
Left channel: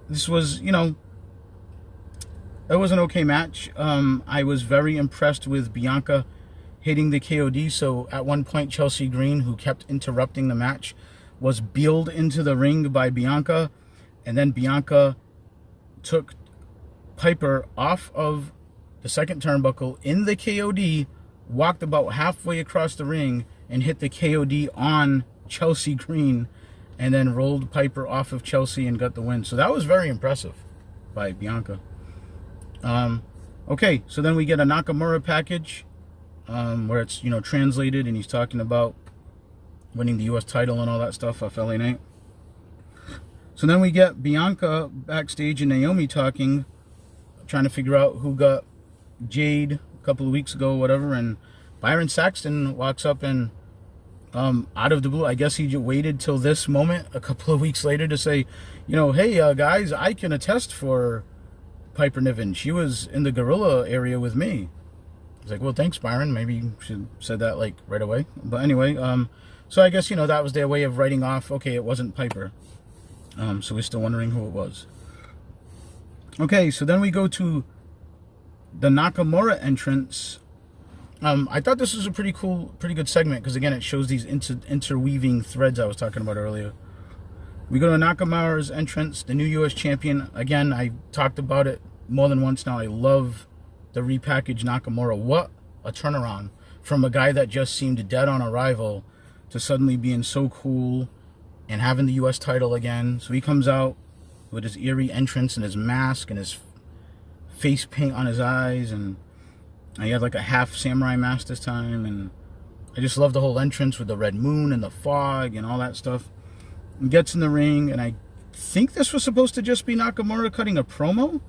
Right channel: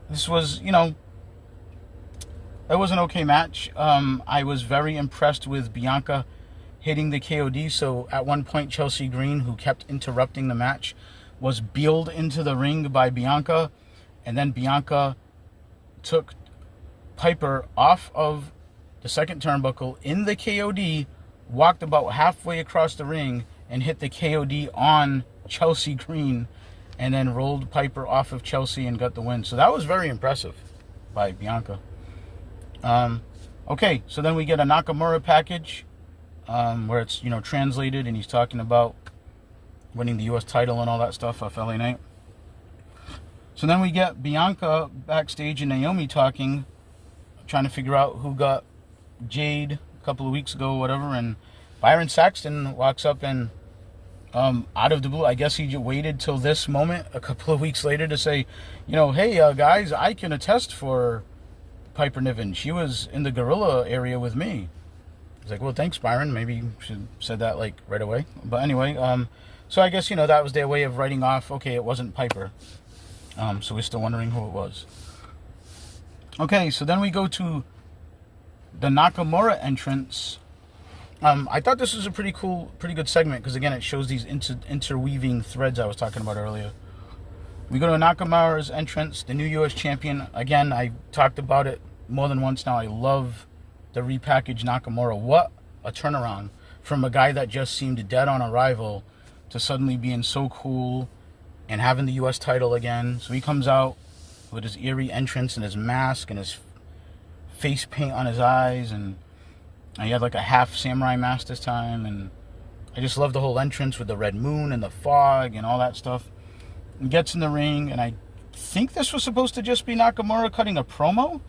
This was, you know, it was an okay match. I was very impressed with Bianca hitting the KOD. So at one point, Chelsea Green, who kept interrupting the match, was beeled into the ring by Bianca, and then Bianca took Piper off of the second turnbuckle in the KOD, walked about halfway across the ring, and hit the KOD on Chelsea Green, and then rolled Piper off of Chelsea and got the win. So that was very impressive by Bianca. Okay, so then we get a Nakamura package where it's, you know, translated, and he's talking about winning the U.S. title and all that stuff off LA Knight. So then we get Bianca backstage and Naomi talking, trying to figure out who got Jade a couple of weeks ago, whatever, and Byron Saxton walks up and out of the blue, I guess he waited till this moment a couple of weeks later to say, you know, hey guys, I can attest for Piper Niven. She was in the gorilla area with me. I was like, well, thanks, Byron. Maybe you should have said that like right away. But anyway, so I guess, you know, that was their way of writing off, okay, it wasn't Piper. So we're still wondering who it was. Okay, so then we go to the Nakamura entrance. I thought this was a pretty good segment because, again, it shows these interweaving threads I was talking about earlier. We go to Nakamura's entrance, the new U.S. champion. Again, I talked about it more than once now. I love the repackaged Nakamura. What a turnaround from a guy that just seemed dead on arrival to suddenly being so cool and having the U.S. title again. So he comes out with his eerie entrance and his mask and his face paint on his eyes, and he had like a half samurai mask this time, and I just love the whole entrance with the red moon and the fog and all that stuff. He gets in the ring, and I think this was supposed to just be Nakamura cutting a promo.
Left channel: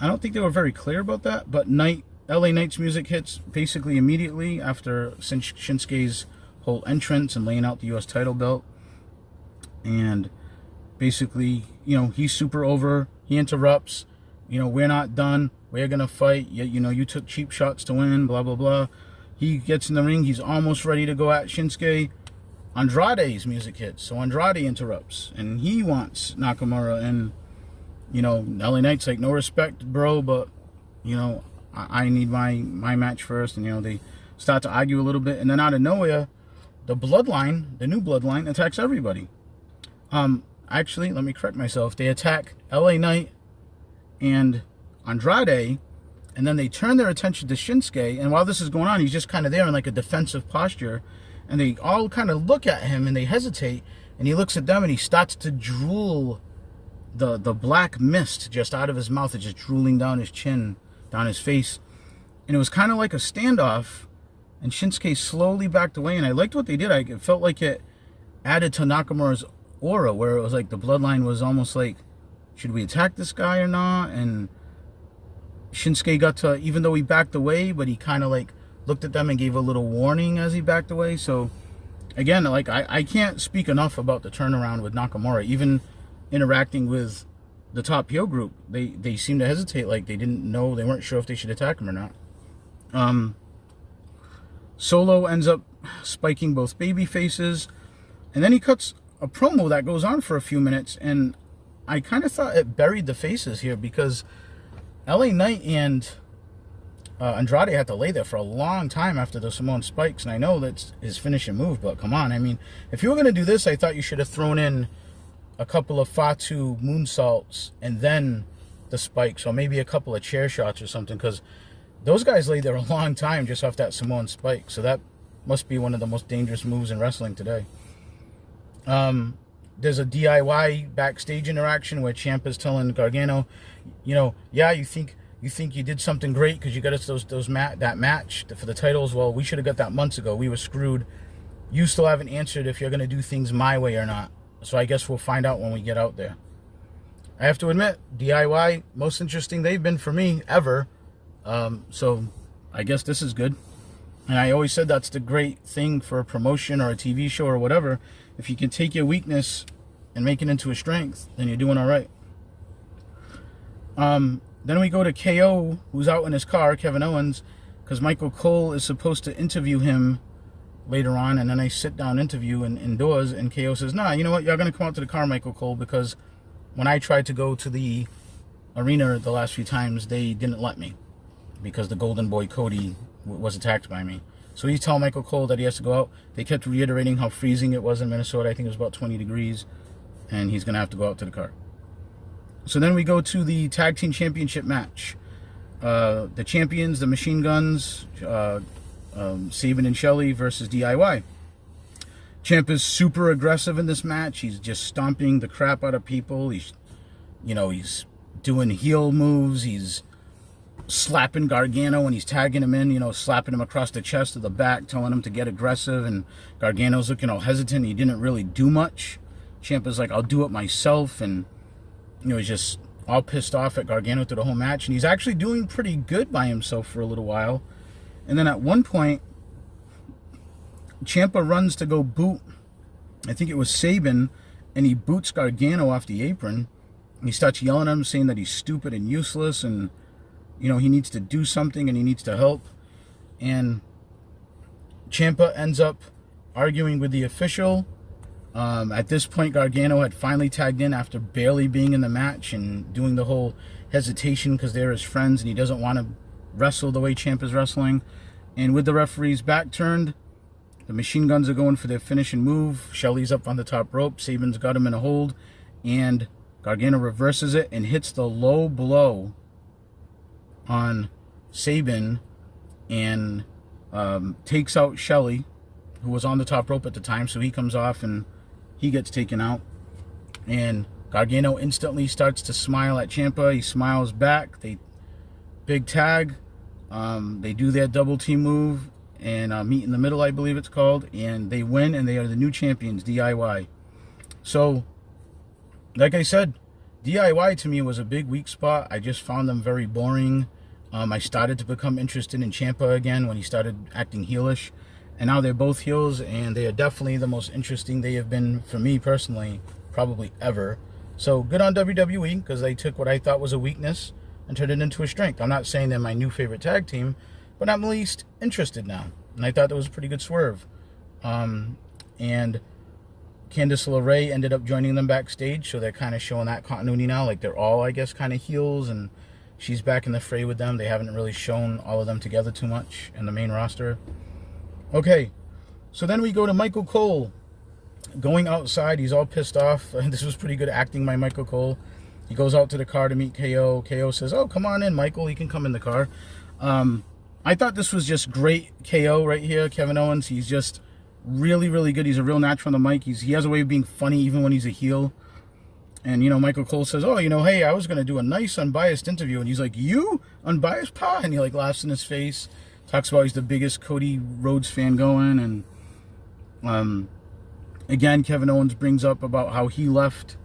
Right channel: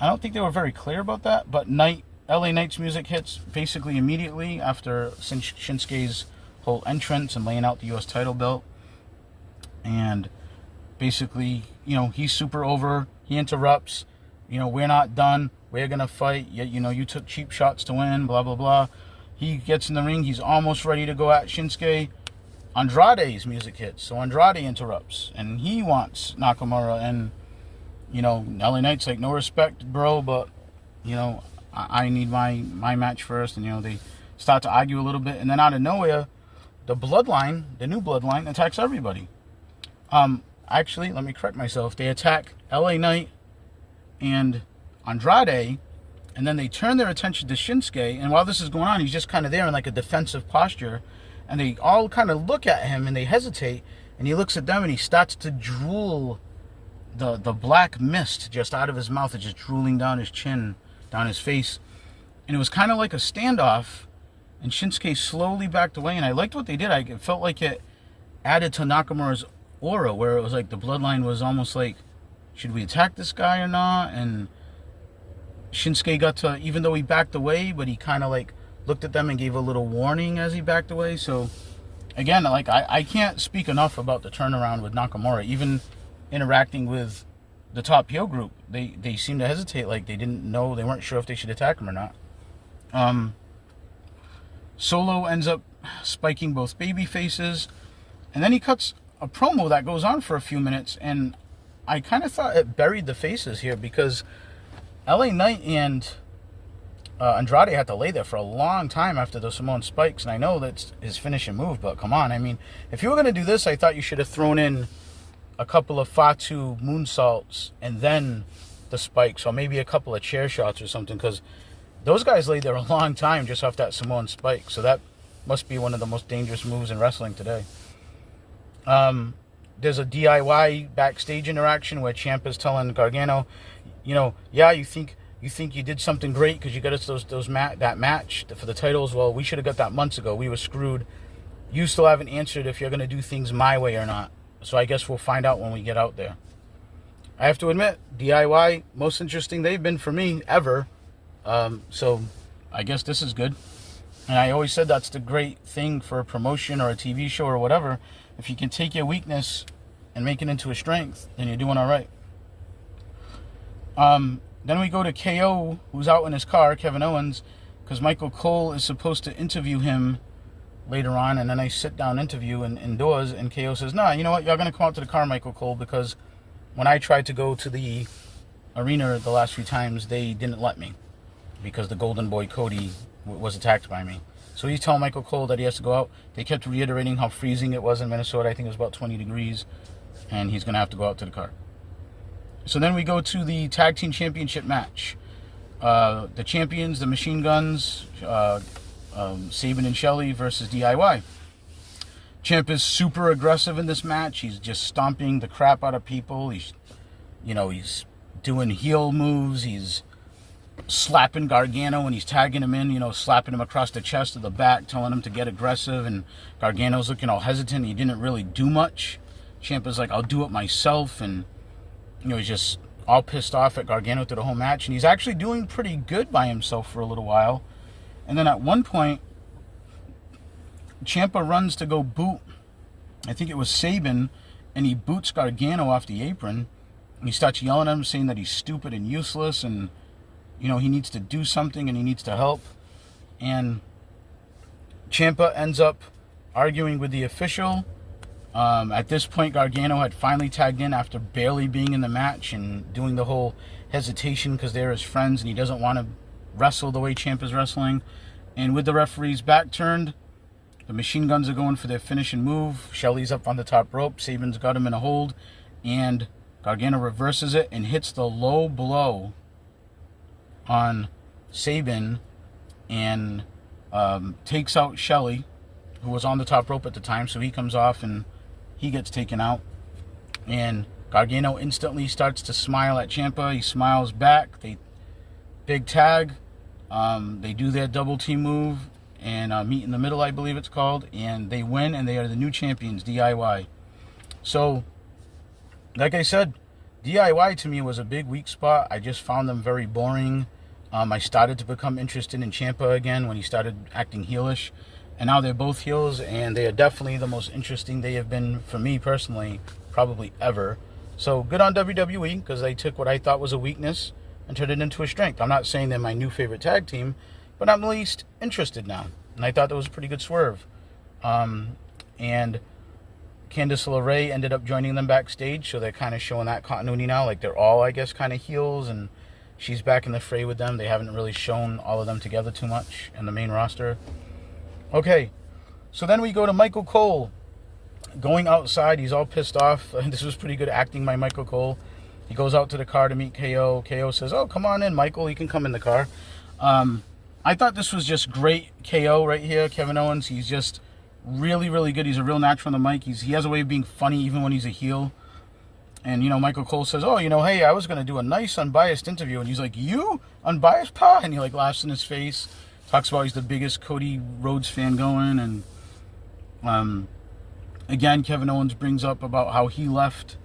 I don't think they were very clear about that, but LA Knight's music hits basically immediately after Shinsuke's whole entrance and laying out the U.S. title belt. And basically, you know, he's super over. He interrupts. You know, we're not done. We're going to fight. You know, you took cheap shots to win, blah, blah, blah. He gets in the ring. He's almost ready to go at Shinsuke. Andrade's music hits. So Andrade interrupts, and he wants Nakamura. And, LA Knight's like, no respect, bro, but, I need my match first. And, they start to argue a little bit. And then out of nowhere, the Bloodline, the new Bloodline, attacks everybody. Actually, let me correct myself. They attack LA Knight and Andrade, and then they turn their attention to Shinsuke. And while this is going on, he's just kind of there in like a defensive posture. And they all kind of look at him and they hesitate. And he looks at them and he starts to drool the black mist just out of his mouth. It's just drooling down his chin, down his face. And it was kind of like a standoff. And Shinsuke slowly backed away. And I liked what they did. It felt like it added to Nakamura's aura, where it was like the Bloodline was almost like, should we attack this guy or not? And Shinsuke got to, even though he backed away, but he kind of like looked at them and gave a little warning as he backed away. So again, like I can't speak enough about the turnaround with Nakamura. Even interacting with the top heel group, they seemed to hesitate, like they didn't know, they weren't sure if they should attack him or not. Solo ends up spiking both baby faces, and then he cuts a promo that goes on for a few minutes, and I kind of thought it buried the faces here, because LA Knight and Andrade had to lay there for a long time after the Samoan spikes, and I know that's his finishing move, but come on, I mean, if you were going to do this, I thought you should have thrown in a couple of Fatu moonsaults and then the spikes, or maybe a couple of chair shots or something, because those guys laid there a long time just off that Samoan spike, so that must be one of the most dangerous moves in wrestling today. There's a DIY backstage interaction where Ciampa's telling Gargano, yeah, you think you did something great because you got us that match for the titles. Well, we should have got that months ago. We were screwed. You still haven't answered if you're going to do things my way or not. So I guess we'll find out when we get out there. I have to admit, DIY, most interesting they've been for me ever. So I guess this is good. And I always said that's the great thing for a promotion or a TV show or whatever. If you can take your weakness and make it into a strength, then you're doing all right. Then we go to KO, who's out in his car, Kevin Owens, because Michael Cole is supposed to interview him later on, and then I sit down interview indoors, and KO says, nah, you know what, you're going to come out to the car, Michael Cole, because when I tried to go to the arena the last few times, they didn't let me, because the Golden Boy Cody was attacked by me. So he's telling Michael Cole that he has to go out. They kept reiterating how freezing it was in Minnesota. I think it was about 20 degrees, and he's going to have to go out to the car. So then we go to the Tag Team Championship match. The champions, the Machine Guns, Sabin and Shelley versus DIY. Ciampa's super aggressive in this match. He's just stomping the crap out of people. He's doing heel moves. He's slapping Gargano and he's tagging him in, slapping him across the chest or the back, telling him to get aggressive. And Gargano's looking all hesitant. He didn't really do much. Ciampa's like, I'll do it myself. And, he's just all pissed off at Gargano through the whole match. And he's actually doing pretty good by himself for a little while. And then at one point, Ciampa runs to go boot, I think it was Sabin, and he boots Gargano off the apron. And he starts yelling at him, saying that he's stupid and useless, and he needs to do something and he needs to help. And Ciampa ends up arguing with the official. At this point, Gargano had finally tagged in after barely being in the match and doing the whole hesitation because they're his friends and he doesn't want to wrestle the way Ciampa's wrestling. And with the referee's back turned, the Machine Guns are going for their finishing move. Shelley's up on the top rope. Sabin's got him in a hold. And Gargano reverses it and hits the low blow on Sabin and takes out Shelley, who was on the top rope at the time. So he comes off and he gets taken out. And Gargano instantly starts to smile at Ciampa. He smiles back. They big tag. They do their double team move and meet in the middle, I believe it's called. And they win, and they are the new champions, DIY. So, like I said, DIY to me was a big weak spot. I just found them very boring. I started to become interested in Ciampa again when he started acting heelish. And now they're both heels, and they are definitely the most interesting they have been, for me personally, probably ever. So good on WWE, because they took what I thought was a weakness and turned it into a strength. I'm not saying they're my new favorite tag team, but I'm at least interested now. And I thought that was a pretty good swerve. and Candice LeRae ended up joining them backstage, so they're kind of showing that continuity now. Like, they're all, I guess, kind of heels, and she's back in the fray with them. They haven't really shown all of them together too much in the main roster. Okay, so then we go to Michael Cole going outside. He's all pissed off. This was pretty good acting by Michael Cole. He goes out to the car to meet KO. KO says, "Oh, come on in, Michael. You can come in the car." I thought this was just great. KO right here, Kevin Owens. He's just really, really good. He's a real natural on the mic. He has a way of being funny even when he's a heel. And, Michael Cole says, "Oh, hey, I was going to do a nice unbiased interview." And he's like, "You? Unbiased, pa?" And he, laughs in his face. Talks about he's the biggest Cody Rhodes fan going. And, again, Kevin Owens brings up about how he left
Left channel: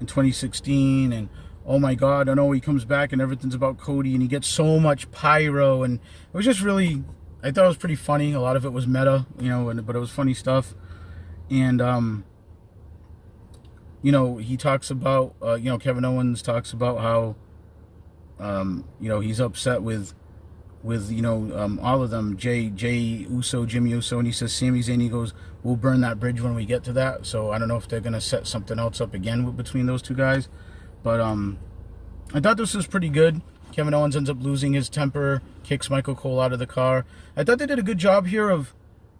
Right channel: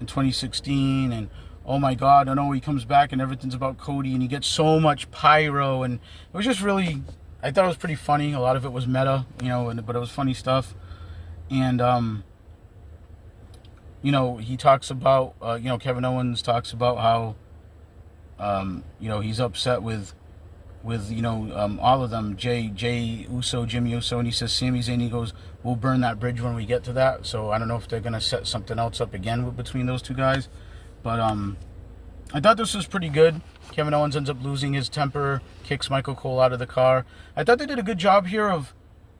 in 2016. And, oh, my God, I know he comes back and everything's about Cody. And he gets so much pyro. And it was just really, I thought it was pretty funny. A lot of it was meta, but it was funny stuff. And, he talks about, Kevin Owens talks about how, he's upset with all of them, Jay Uso, Jimmy Uso, and he says Sami Zayn. He goes, "We'll burn that bridge when we get to that." So I don't know if they're gonna set something else up again between those two guys, but I thought this was pretty good. Kevin Owens ends up losing his temper, kicks Michael Cole out of the car. I thought they did a good job here of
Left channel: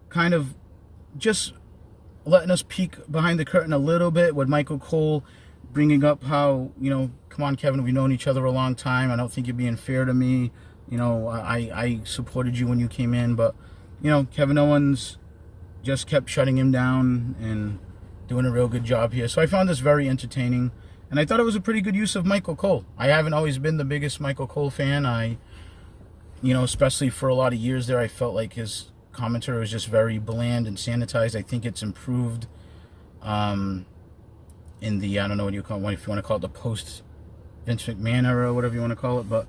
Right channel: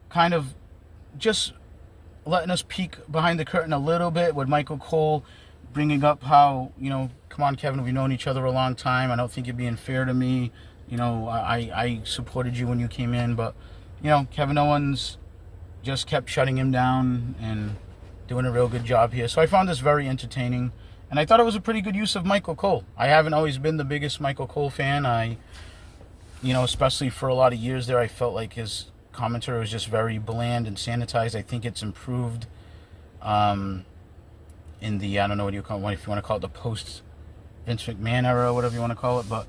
kind of just letting us peek behind the curtain a little bit with Michael Cole bringing up how, come on, Kevin, we've known each other a long time. I don't think you're being fair to me. I supported you when you came in, but, Kevin Owens just kept shutting him down and doing a real good job here. So I found this very entertaining, and I thought it was a pretty good use of Michael Cole. I haven't always been the biggest Michael Cole fan. Especially for a lot of years there, I felt like his commentary was just very bland and sanitized. I think it's improved in the, I don't know what you call it, if you want to call it the post Vince McMahon era or whatever you want to call it, but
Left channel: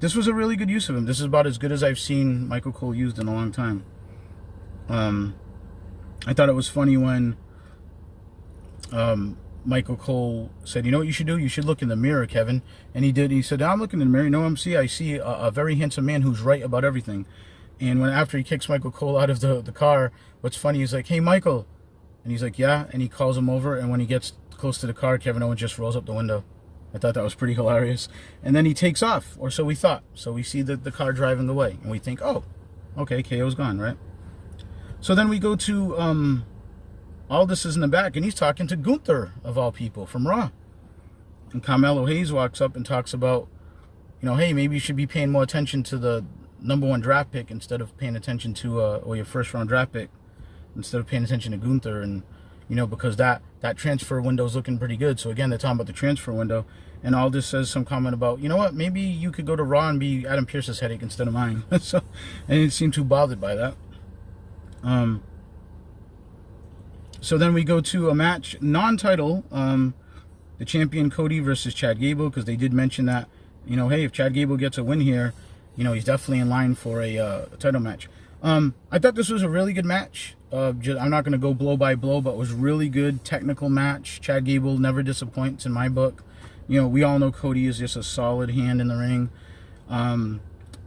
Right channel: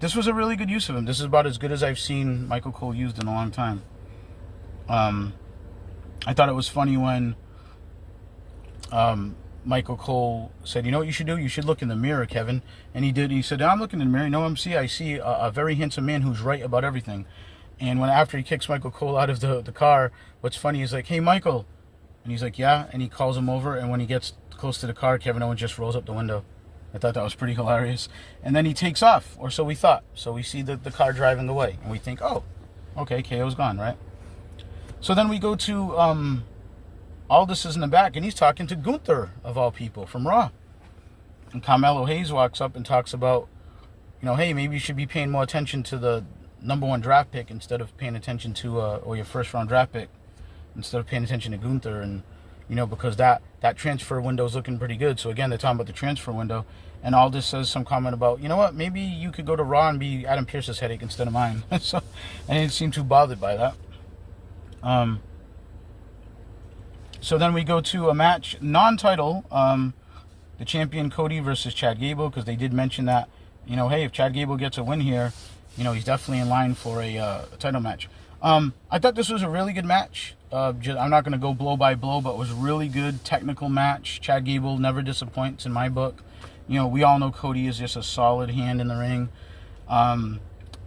this was a really good use of him. This is about as good as I've seen Michael Cole used in a long time. I thought it was funny when Michael Cole said, "You know what you should do? You should look in the mirror, Kevin." And he did. He said, "I'm looking in the mirror. You know what I see a very handsome man who's right about everything." And after he kicks Michael Cole out of the car, what's funny is like, "Hey, Michael." And he's like, "Yeah." And he calls him over. And when he gets close to the car, Kevin Owens just rolls up the window. I thought that was pretty hilarious. And then he takes off, or so we thought. So we see the car driving away. And we think, oh, okay, KO's gone, right? So then we go to Aldis is in the back, and he's talking to Gunther, of all people, from Raw. And Carmelo Hayes walks up and talks about, hey, maybe you should be paying more attention to the #1 draft pick instead of paying attention to, or your first-round draft pick, instead of paying attention to Gunther. And, because that transfer window is looking pretty good. So, again, they're talking about the transfer window. And Aldis says some comment about, you know what, maybe you could go to Raw and be Adam Pearce's headache instead of mine. So I didn't seem too bothered by that. So then we go to a match, non-title, the champion Cody versus Chad Gable, because they did mention that, hey, if Chad Gable gets a win here, he's definitely in line for a title match. I thought this was a really good match. I'm not going to go blow by blow, but it was a really good technical match. Chad Gable never disappoints in my book. We all know Cody is just a solid hand in the ring.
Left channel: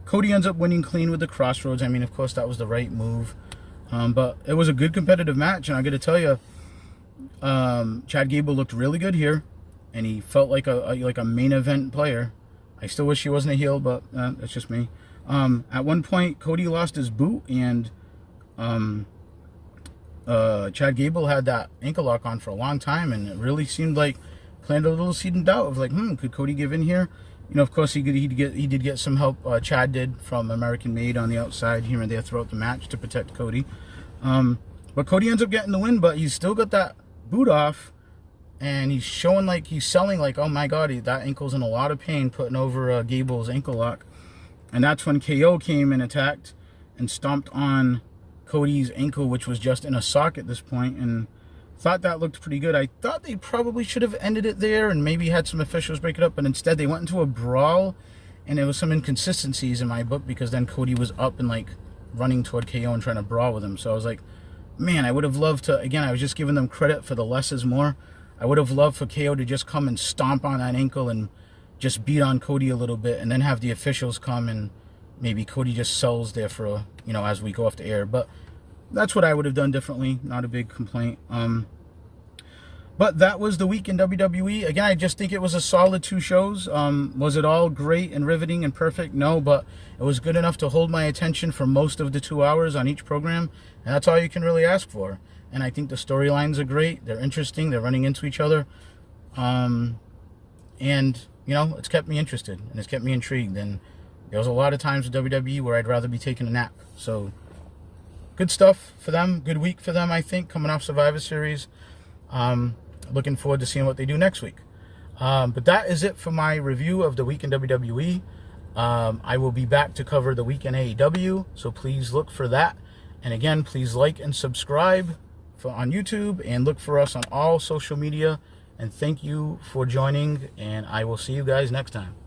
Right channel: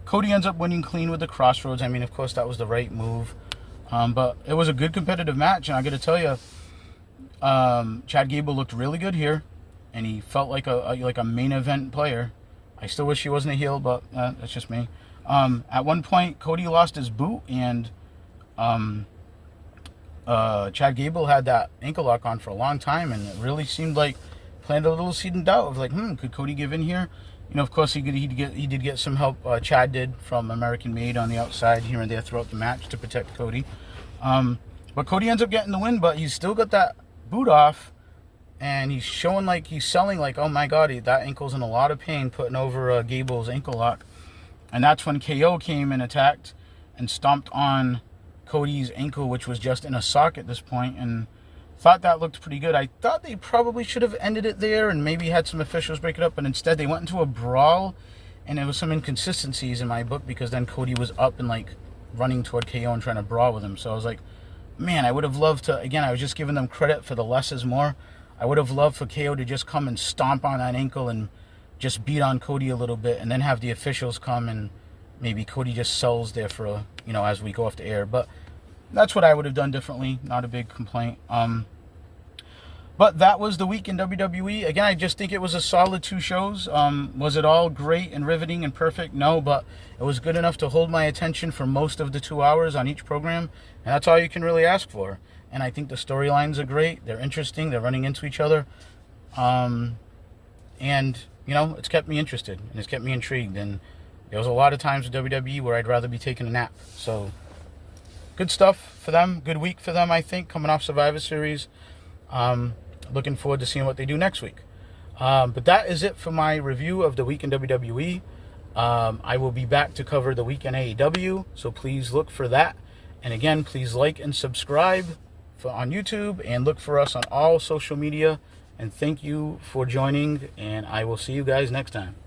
Cody ends up winning clean with the Crossroads. I mean, of course, that was the right move. But it was a good competitive match, and I got to tell you, Chad Gable looked really good here, and he felt like a main event player. I still wish he wasn't a heel, but that's just me. At one point, Cody lost his boot, and Chad Gable had that ankle lock on for a long time, and it really seemed like planted a little seed in doubt of like, could Cody give in here? Of course, he did get some help. Chad did from American Made on the outside here and there throughout the match to protect Cody. But Cody ends up getting the win, but he's still got that boot off, and he's showing like he's selling like, oh my God, that ankle's in a lot of pain, putting over Gable's ankle lock. And that's when KO came and attacked and stomped on Cody's ankle, which was just in a sock at this point, and thought that looked pretty good. I thought they probably should have ended it there and maybe had some officials break it up, but instead they went into a brawl, and there was some inconsistencies in my book because then Cody was up and like running toward KO and trying to brawl with him. So I was like, man, I would have loved to, again, I was just giving them credit for the less is more. I would have loved for KO to just come and stomp on that ankle and just beat on Cody a little bit, and then have the officials come and maybe Cody just sells there for as we go off the air. But that's what I would have done differently. Not a big complaint. But that was the week in WWE. Again, I just think it was a solid 2 shows. Was it all great and riveting and perfect? No, but it was good enough to hold my attention for most of the 2 hours on each program. And that's all you can really ask for. And I think the storylines are great. They're interesting. They're running into each other. And, you know, it's kept me interested. And it's kept me intrigued. And there was a lot of times with WWE where I'd rather be taking a nap. So, good stuff for them. Good week for them, I think, coming off Survivor Series. Looking forward to seeing what they do next week. But that is it for my review of the week in WWE. I will be back to cover the week in AEW, so please look for that. And again, please like and subscribe on YouTube, and look for us on all social media. And thank you for joining, and I will see you guys next time.